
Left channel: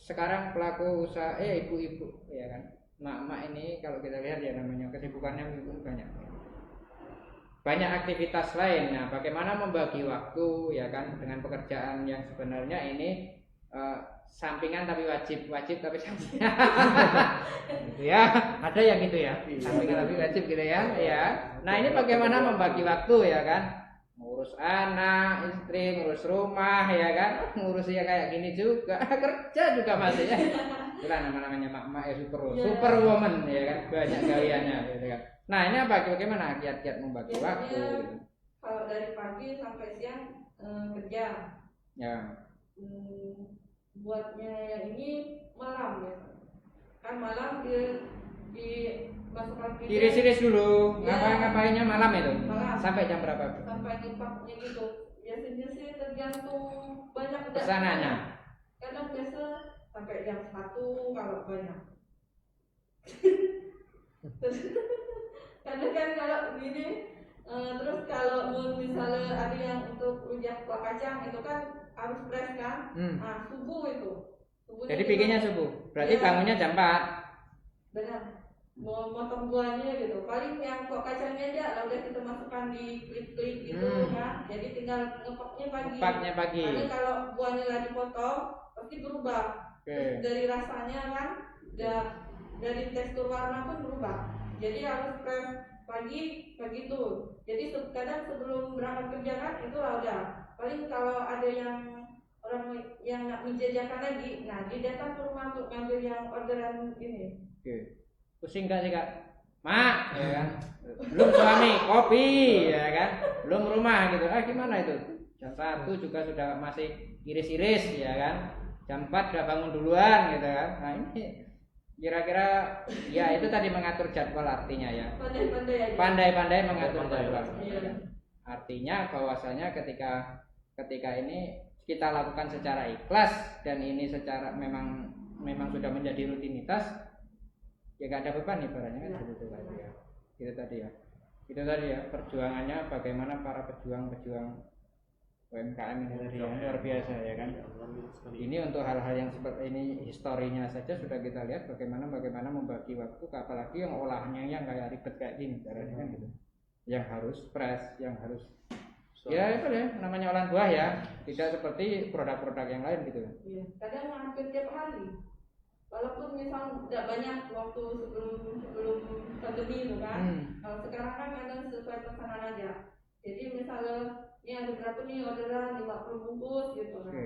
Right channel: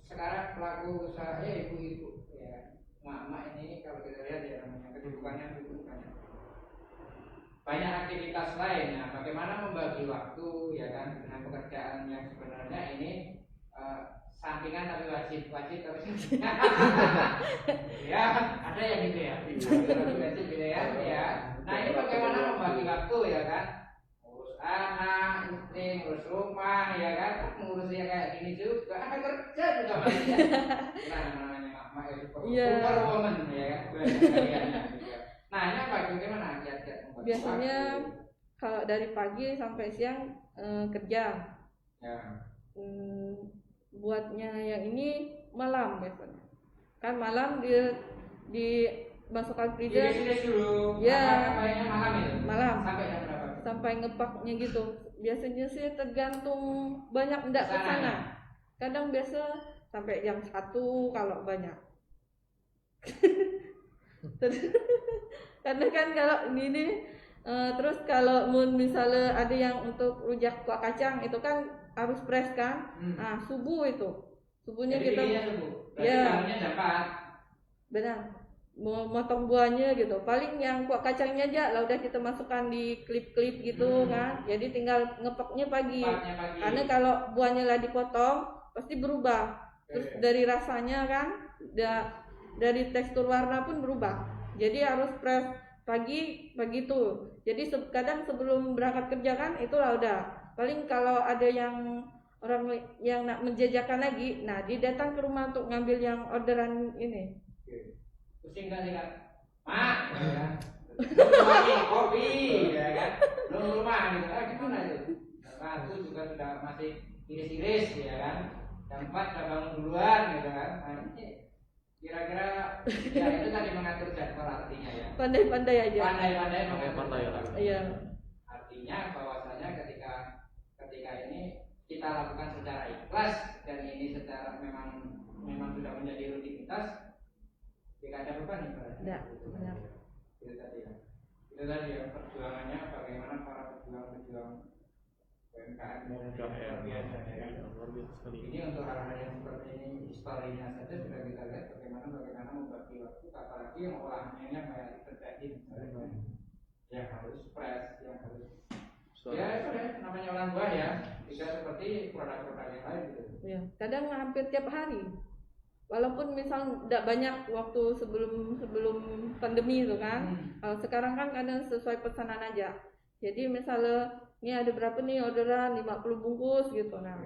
sekarang pelaku usaha ibu-ibu ya kan. Mak-mak ini kalau kita lihat ya namanya kesibukannya banyak aktivitas lainnya. Bagaimana membagi waktu ya kan dengan pekerjaan yang sebenarnya ini sampingan tapi wajib tapi sampingan. Ya, ada yang gitu ya. Sampingan tapi wajib gitu ya. Ya. Nah, ini bagaimana membagi waktu ya kan? Ngurus anak, istri, ngurus rumah ya kan, ngurus ya kayak gini juga, kerja juga maksudnya. Itulah namanya mak-mak ya superwoman ya kan, banyak kaliannya gitu kan. Nah, ini bagaimana kiat-kiat membagi biasanya, waktu? Biasanya kalau dari pagi sampai siang kerja. Ya. Buatnya yang ini malam biasanya. Kan malam di masuk aktivitas iris-iris dulu. Ya. Ngapainnya malam itu? Malam. Sampai jam berapa? Sampai ngepaknya gitu. Biasanya sih tergantung banyak enggak pesanannya. Kadang biasa sampai jam 1 kalau banyak. Karena kan kalau gini terus kalau misalnya ada yang untuk rujak kuah kacang itu kan harus fresh kan. Nah, subuh itu. Subuhnya jadi bikinnya subuh. Berarti bangunnya jam 4. Benar. Mau motong buahnya gitu. Paling yang kuah kacangnya aja lah udah kita masukkan di klip-klip gitu kan. Jadi tinggal ngepoknya pagi. Karena kalau buahnya lah dipotong pasti berubah. Terus dari rasanya kan dari tekstur warna pun berubah. Jadi harus fresh pagi tuh. Jadi kadang sebelum berangkat kerja kan itulah udah. Paling kalau ada yang orang yang nak menjajakan lagi, nah dia datang ke rumah untuk ngambil yang orderan ini. Pusing gak sih Kak? Mak, ya kan? Belum suami, kopi, ya kan? Belum rumah gitu. Gimana itu? Jam 1 juga sudah masih iris-iris, ya kan? Jam 4 udah bangun duluan gitu kan. Nah ini kira-kira ya itu tadi mengatur jadwal artinya ya. Pandai-pandai aja. Pandai-pandai mengatur jadwal. Iya. Artinya bahwasanya ketika ini kita lakukan secara ikhlas dan ini secara memang sudah menjadi rutinitas, ya gak ada beban ibaratnya ya, sebetulnya ya. Itu tadi ya perjuangannya bagaimana para pejuang UMKM ini luar biasa ya kan. Ini untuk hal-hal yang seperti ini historinya saja sudah kita lihat bagaimana membagi waktu, apalagi yang olahnya yang kayak ribet kayak gini caranya gitu. Yang harus fresh, yang harus ya itu ya namanya olahan buah ya, tidak seperti produk-produk yang lain gitu. Ya, kadang hampir tiap hari. Walaupun misal tidak banyak waktu sebelum pandemi itu kan. Kalau sekarang kan kadang sesuai pesanan aja. Jadi misalnya ini ada berapa nih orderan 50 bungkus gitu. Nah,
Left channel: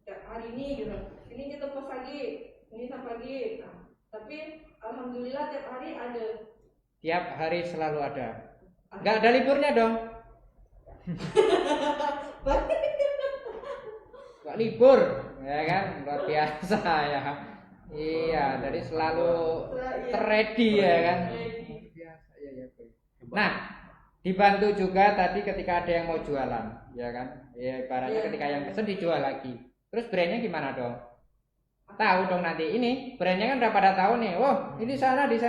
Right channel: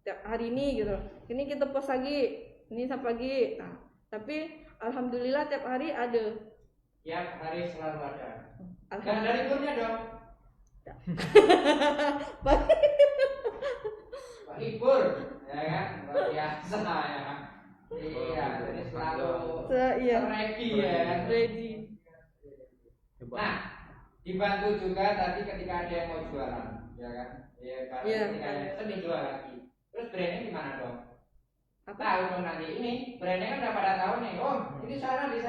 tiap hari ini gitu. Ini kita post lagi, ini sampai lagi. Nah, tapi alhamdulillah tiap hari ada. Tiap hari selalu ada. Nggak ada liburnya dong. Nggak libur, ya kan? Luar biasa ya. Iya, jadi selalu ready ya kan. Nah, dibantu juga tadi ketika ada yang mau jualan, ya kan? Ya, ketika yang pesen dijual lagi. Terus brandnya gimana dong? Tahu dong nanti ini brandnya kan udah pada tahu nih. Oh, ini di sana di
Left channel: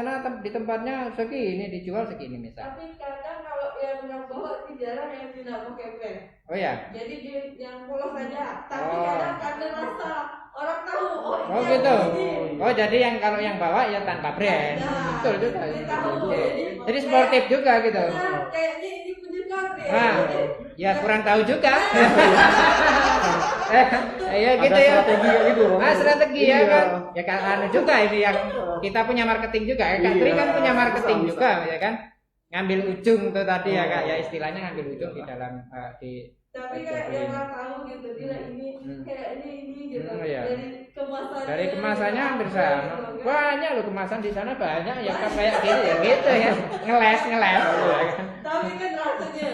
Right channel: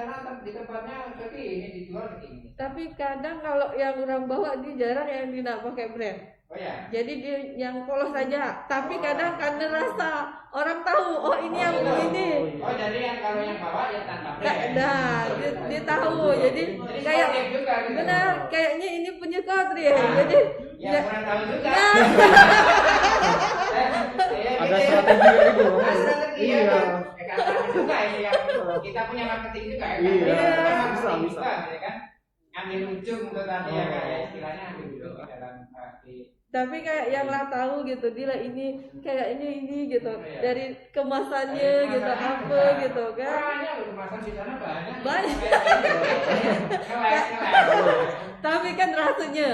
tempatnya segini dijual segini misalnya. Tapi kadang kalau yang orang bawa dia jarang yang tidak pakai brand. Oh ya. Jadi dia yang polos saja. Tapi kadang ada rasa orang tahu. Oh ini yang gitu. ini. Oh jadi yang kalau yang bawa ya tanpa brand. Nah, dia tahu. Jadi sportif juga gitu. Nah, kayaknya ini punya Satria. Nah, ya kurang tahu juga. Ya gitu ada ya. strategi gitu. Strategi ya kan. Ya kan juga ini yang kita punya marketing juga ya kan. Ini kan punya marketing juga ya kan. Ngambil ujung tuh tadi ya kan. Ya istilahnya ngambil ujung di dalam tapi kayak yang lah tahu gitu dia ini kayaknya ini gitu dari kemasannya bisa gitu, kan? Banyak loh kemasan di sana banyak ya kayak gitu ya ngeles tapi kan rasanya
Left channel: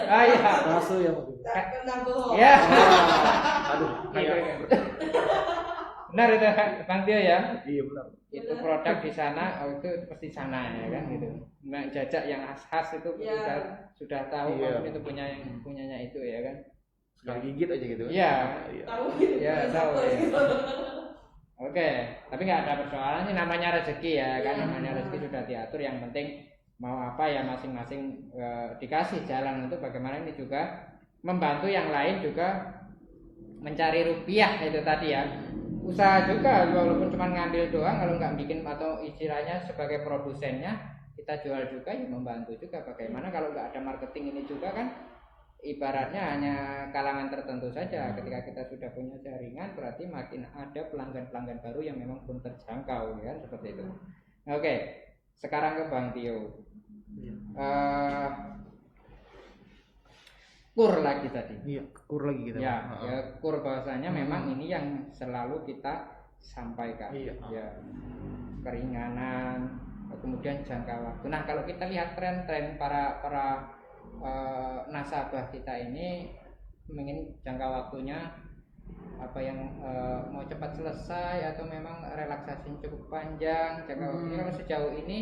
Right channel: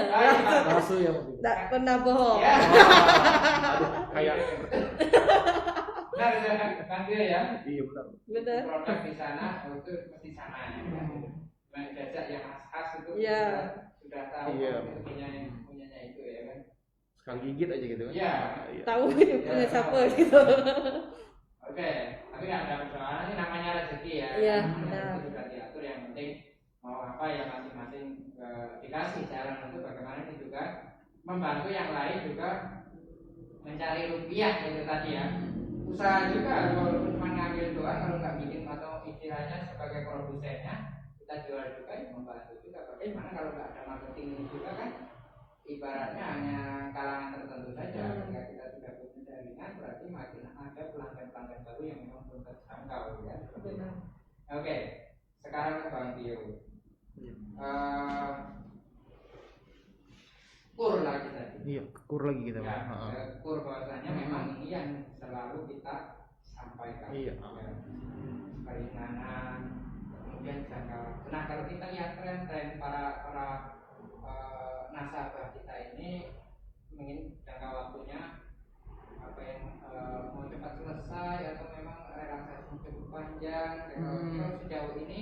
rasu ya tak pernah bohong ya aduh kayak benar itu Bang Tio ya iya benar itu produk di sana itu pasti sana ya kan gitu jajak yang khas itu sudah tahu itu punyanya itu ya kan sekali gigit aja gitu kan? Iya. Tahu ya, tahu gitu. Oke, tapi nggak ada persoalan sih namanya rezeki ya, kan? Namanya rezeki sudah diatur. Yang penting mau apa ya masing-masing dikasih jalan untuk bagaimana ini juga membantu yang lain juga mencari rupiah itu tadi ya. Usaha juga walaupun cuma ngambil doang kalau nggak bikin atau istilahnya sebagai produsennya kita jual juga ya membantu juga. Bagaimana kalau nggak ada marketing ini juga kan? Ibaratnya hanya kalangan tertentu saja. Ketika kita sudah punya jaringan berarti makin ada pelanggan-pelanggan baru yang memang belum terjangkau ya seperti itu. Oke, sekarang ke Bang Tio. Kur lagi tadi. Iya, kur lagi kita. Ya, kur bahasanya memang ini yang selalu kita sampaikan. Iya. Ya, keringanan, kemudian jangka waktu. Nah, kalau kita lihat tren-tren para nasabah kita ini ingin jangka waktunya apa yang mau cepat selesai atau memang relaksasi cukup panjang jangka waktunya. Kalau sejauh ini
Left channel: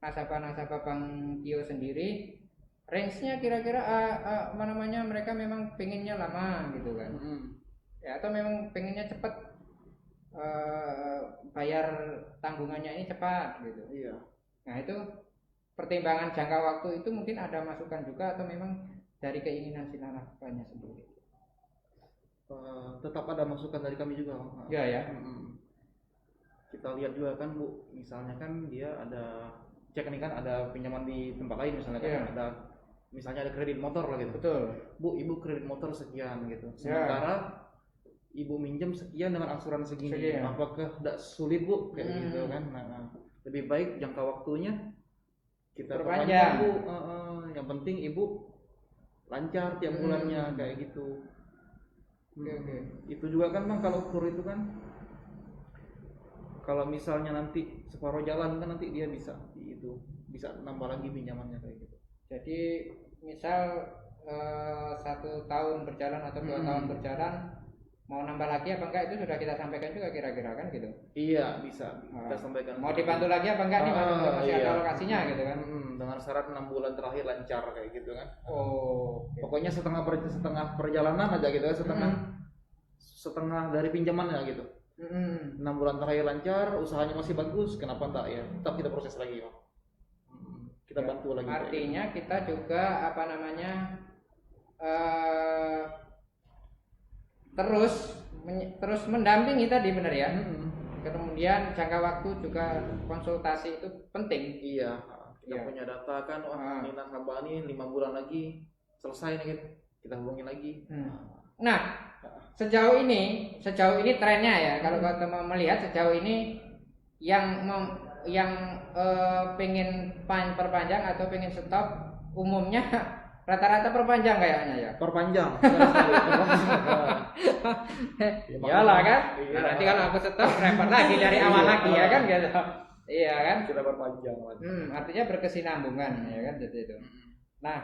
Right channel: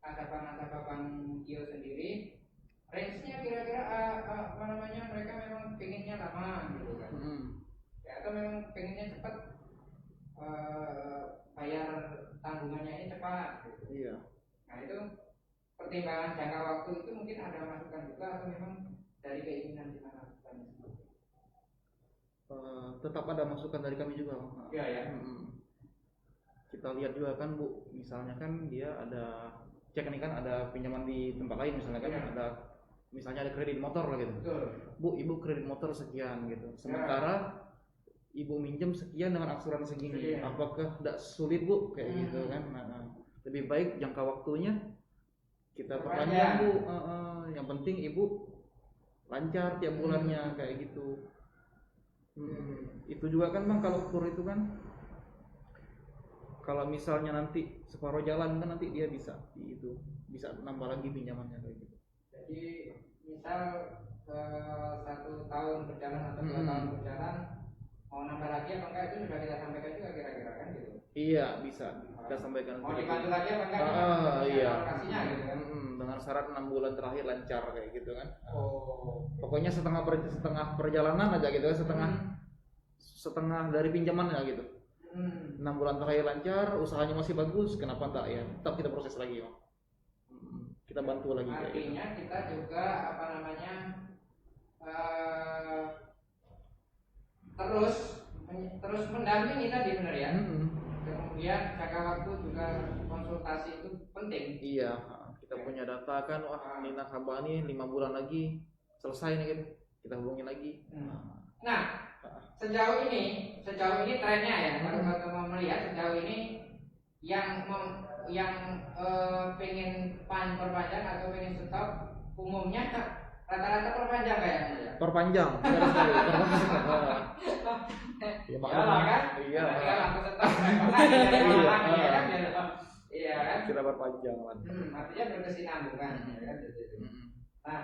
nasabah Bang Tio sendiri range-nya kira-kira mereka memang pengennya lama gitu kan ya atau memang pengennya cepat bayar tanggungannya ini cepat gitu. Iya. Nah itu pertimbangan jangka waktu itu mungkin ada masukan juga atau memang dari keinginan si nasabahnya sendiri? Tetap ada masukan dari kami juga. Iya ya. Kita lihat juga kan Bu, misalnya kan dia ada cek nih kan ada pinjaman di tempat lain misalnya kan ada misalnya ada kredit motor lah gitu. Betul. Bu, ibu kredit motor sekian gitu. Sementara ibu minjem sekian dengan angsuran segini. Apakah tidak sulit Bu kayak gitu kan? Nah, lebih baik jangka waktunya kita perpanjang Bu, yang penting ibu lancar tiap bulannya kayak gitu. Itu juga kan Bang kalau kur itu kan kalau misalnya nanti separuh jalan kan nanti dia bisa nambah lagi pinjamannya kayak gitu. Jadi misal 1 tahun berjalan atau 2 tahun berjalan mau nambah lagi apa enggak itu sudah kita sampaikan juga kira-kira kan gitu. Iya bisa kita sampaikan. Mau dibantu lagi apa enggak alokasinya gitu kan. Dengan syarat 6 bulan terakhir lancar kayak gitu kan. Okay. Pokoknya setengah perjalanan aja gitu kan, setengah dari pinjamannya gitu. 6 bulan terakhir lancar, usahanya masih bagus, kenapa enggak ya? Tetap kita proses lagi Bang. Kita bantu lagi. Artinya gitu. Kita juga terus mendampingi tadi benar ya. Kemudian jangka waktu juga konsultasi itu penting. Iya, kita punya data kan, ini nasabah nih 5 bulan lagi selesai nih kita hubungi lagi. Nah, sejauh ini trennya ya. Kalau kita mau melihat sejauh ini yang pengen perpanjang atau pengen stop umumnya rata-rata perpanjang kayaknya ya. Perpanjang. Iyalah kan. Iya. Nanti kalau aku stop repot lagi dari awal lagi ya kan gitu. Iya kan? Sudah berpanjang kan. Artinya berkesinambungan ya kan jadi itu. Nah,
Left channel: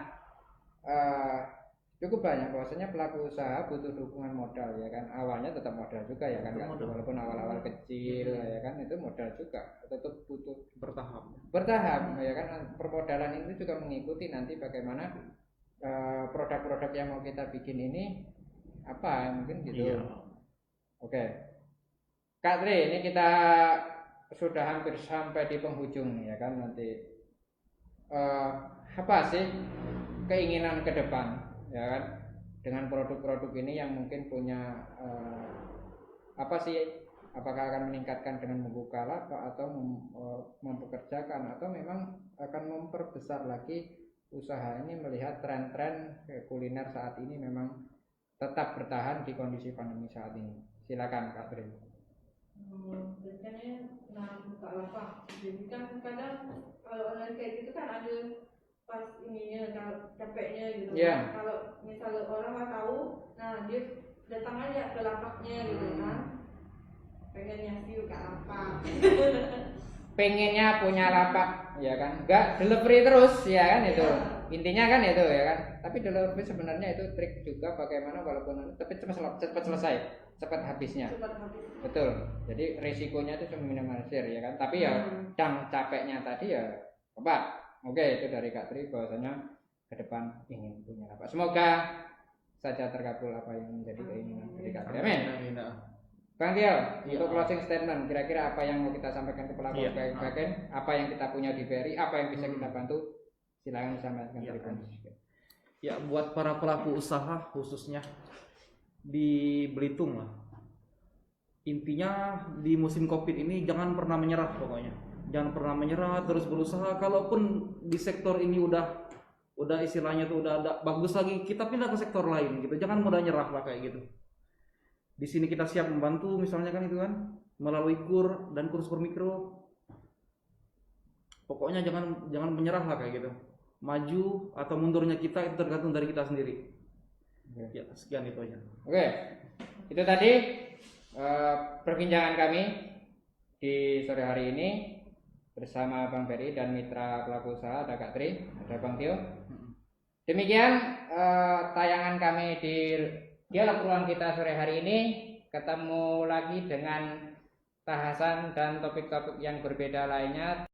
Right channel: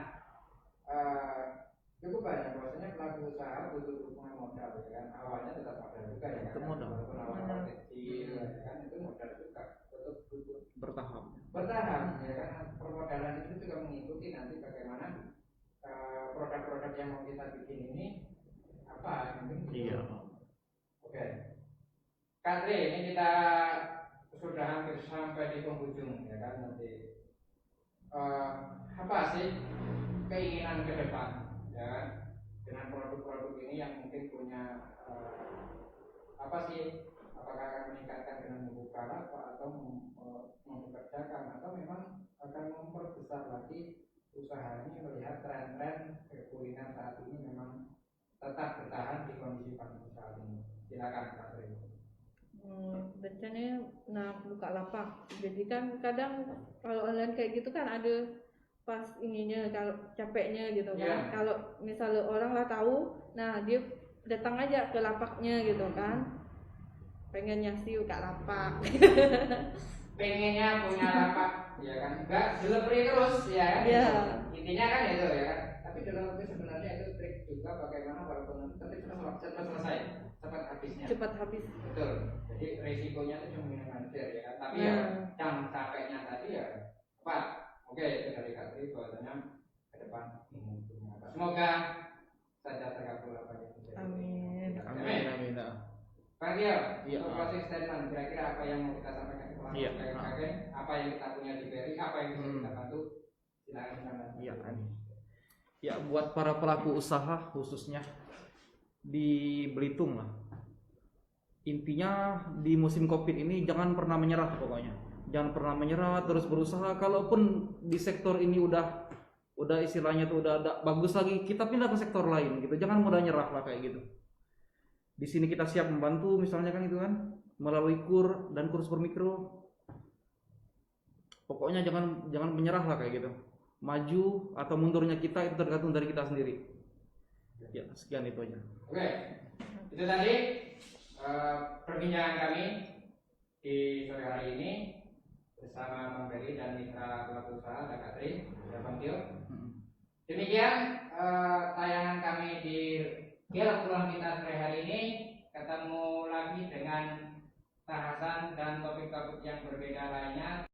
cukup banyak bahwasanya pelaku usaha butuh dukungan modal ya kan. Awalnya tetap modal juga ya kan. Walaupun awal-awal kecil ya kan itu modal juga tetap butuh bertahap ya kan. Permodalan itu juga mengikuti nanti bagaimana produk-produk yang mau kita bikin ini apa mungkin gitu. Iya. Oke. Kak Tri, ini kita sudah hampir sampai di penghujung ya kan nanti. Apa sih keinginan ke depan ya kan dengan produk-produk ini yang mungkin punya apa sih, apakah akan meningkatkan dengan membuka lapak atau mempekerjakan atau memang akan memperbesar lagi usaha ini melihat tren-tren kuliner saat ini memang tetap bertahan di kondisi pandemi saat ini. Silakan Kak Tri. Rencananya buka lapak. Jadi kan kadang kalau online kayak gitu kan ada pas ininya kalau capeknya gitu kan. Kalau misalnya orang nggak tahu, nah dia datang aja ke lapaknya gitu kan. Pengennya sih buka lapak. Pengennya punya lapak ya kan, enggak delivery terus ya kan itu. Intinya kan itu ya kan. Tapi delivery sebenarnya itu trik juga bagaimana walaupun cepat selesai, cepat habisnya. Cepat habis. Betul. Jadi risikonya itu cuma minimalisir ya kan. Tapi ya yang capeknya tadi ya cepat. Oke, itu dari Kak Tri bahwasanya ke depan ingin punya lapak. Semoga saja terkabul apa yang menjadi keinginan Kak Tri. Amin. Bang Tio, untuk closing statement, kira-kira apa yang mau kita sampaikan ke pelaku UMKM, apa yang kita punya di BRI, apa yang bisa kita bantu, silakan disampaikan. Ya, buat para pelaku usaha khususnya di Belitung lah. Intinya di musim Covid ini jangan pernah menyerah pokoknya. Jangan pernah menyerah, terus berusaha. Kalaupun di sektor ini udah istilahnya tuh udah ada bagus lagi, kita pindah ke sektor lain gitu. Jangan mudah nyerah lah kayak gitu. Di sini kita siap membantu misalnya kan itu kan melalui KUR dan kurs mikro. Pokoknya jangan menyerah lah kayak gitu. Maju atau mundurnya kita itu tergantung dari kita sendiri. Ya, sekian itu aja. Oke. Itu tadi perbincangan kami di sore hari ini bersama Bang Ferry dan mitra pelaku usaha, ada Kak Tri, ada Bang Tio. Demikian tayangan kami di Al-Quran kita sore hari ini. Ketemu lagi dengan bahasan dan topik-topik yang berbeda lainnya.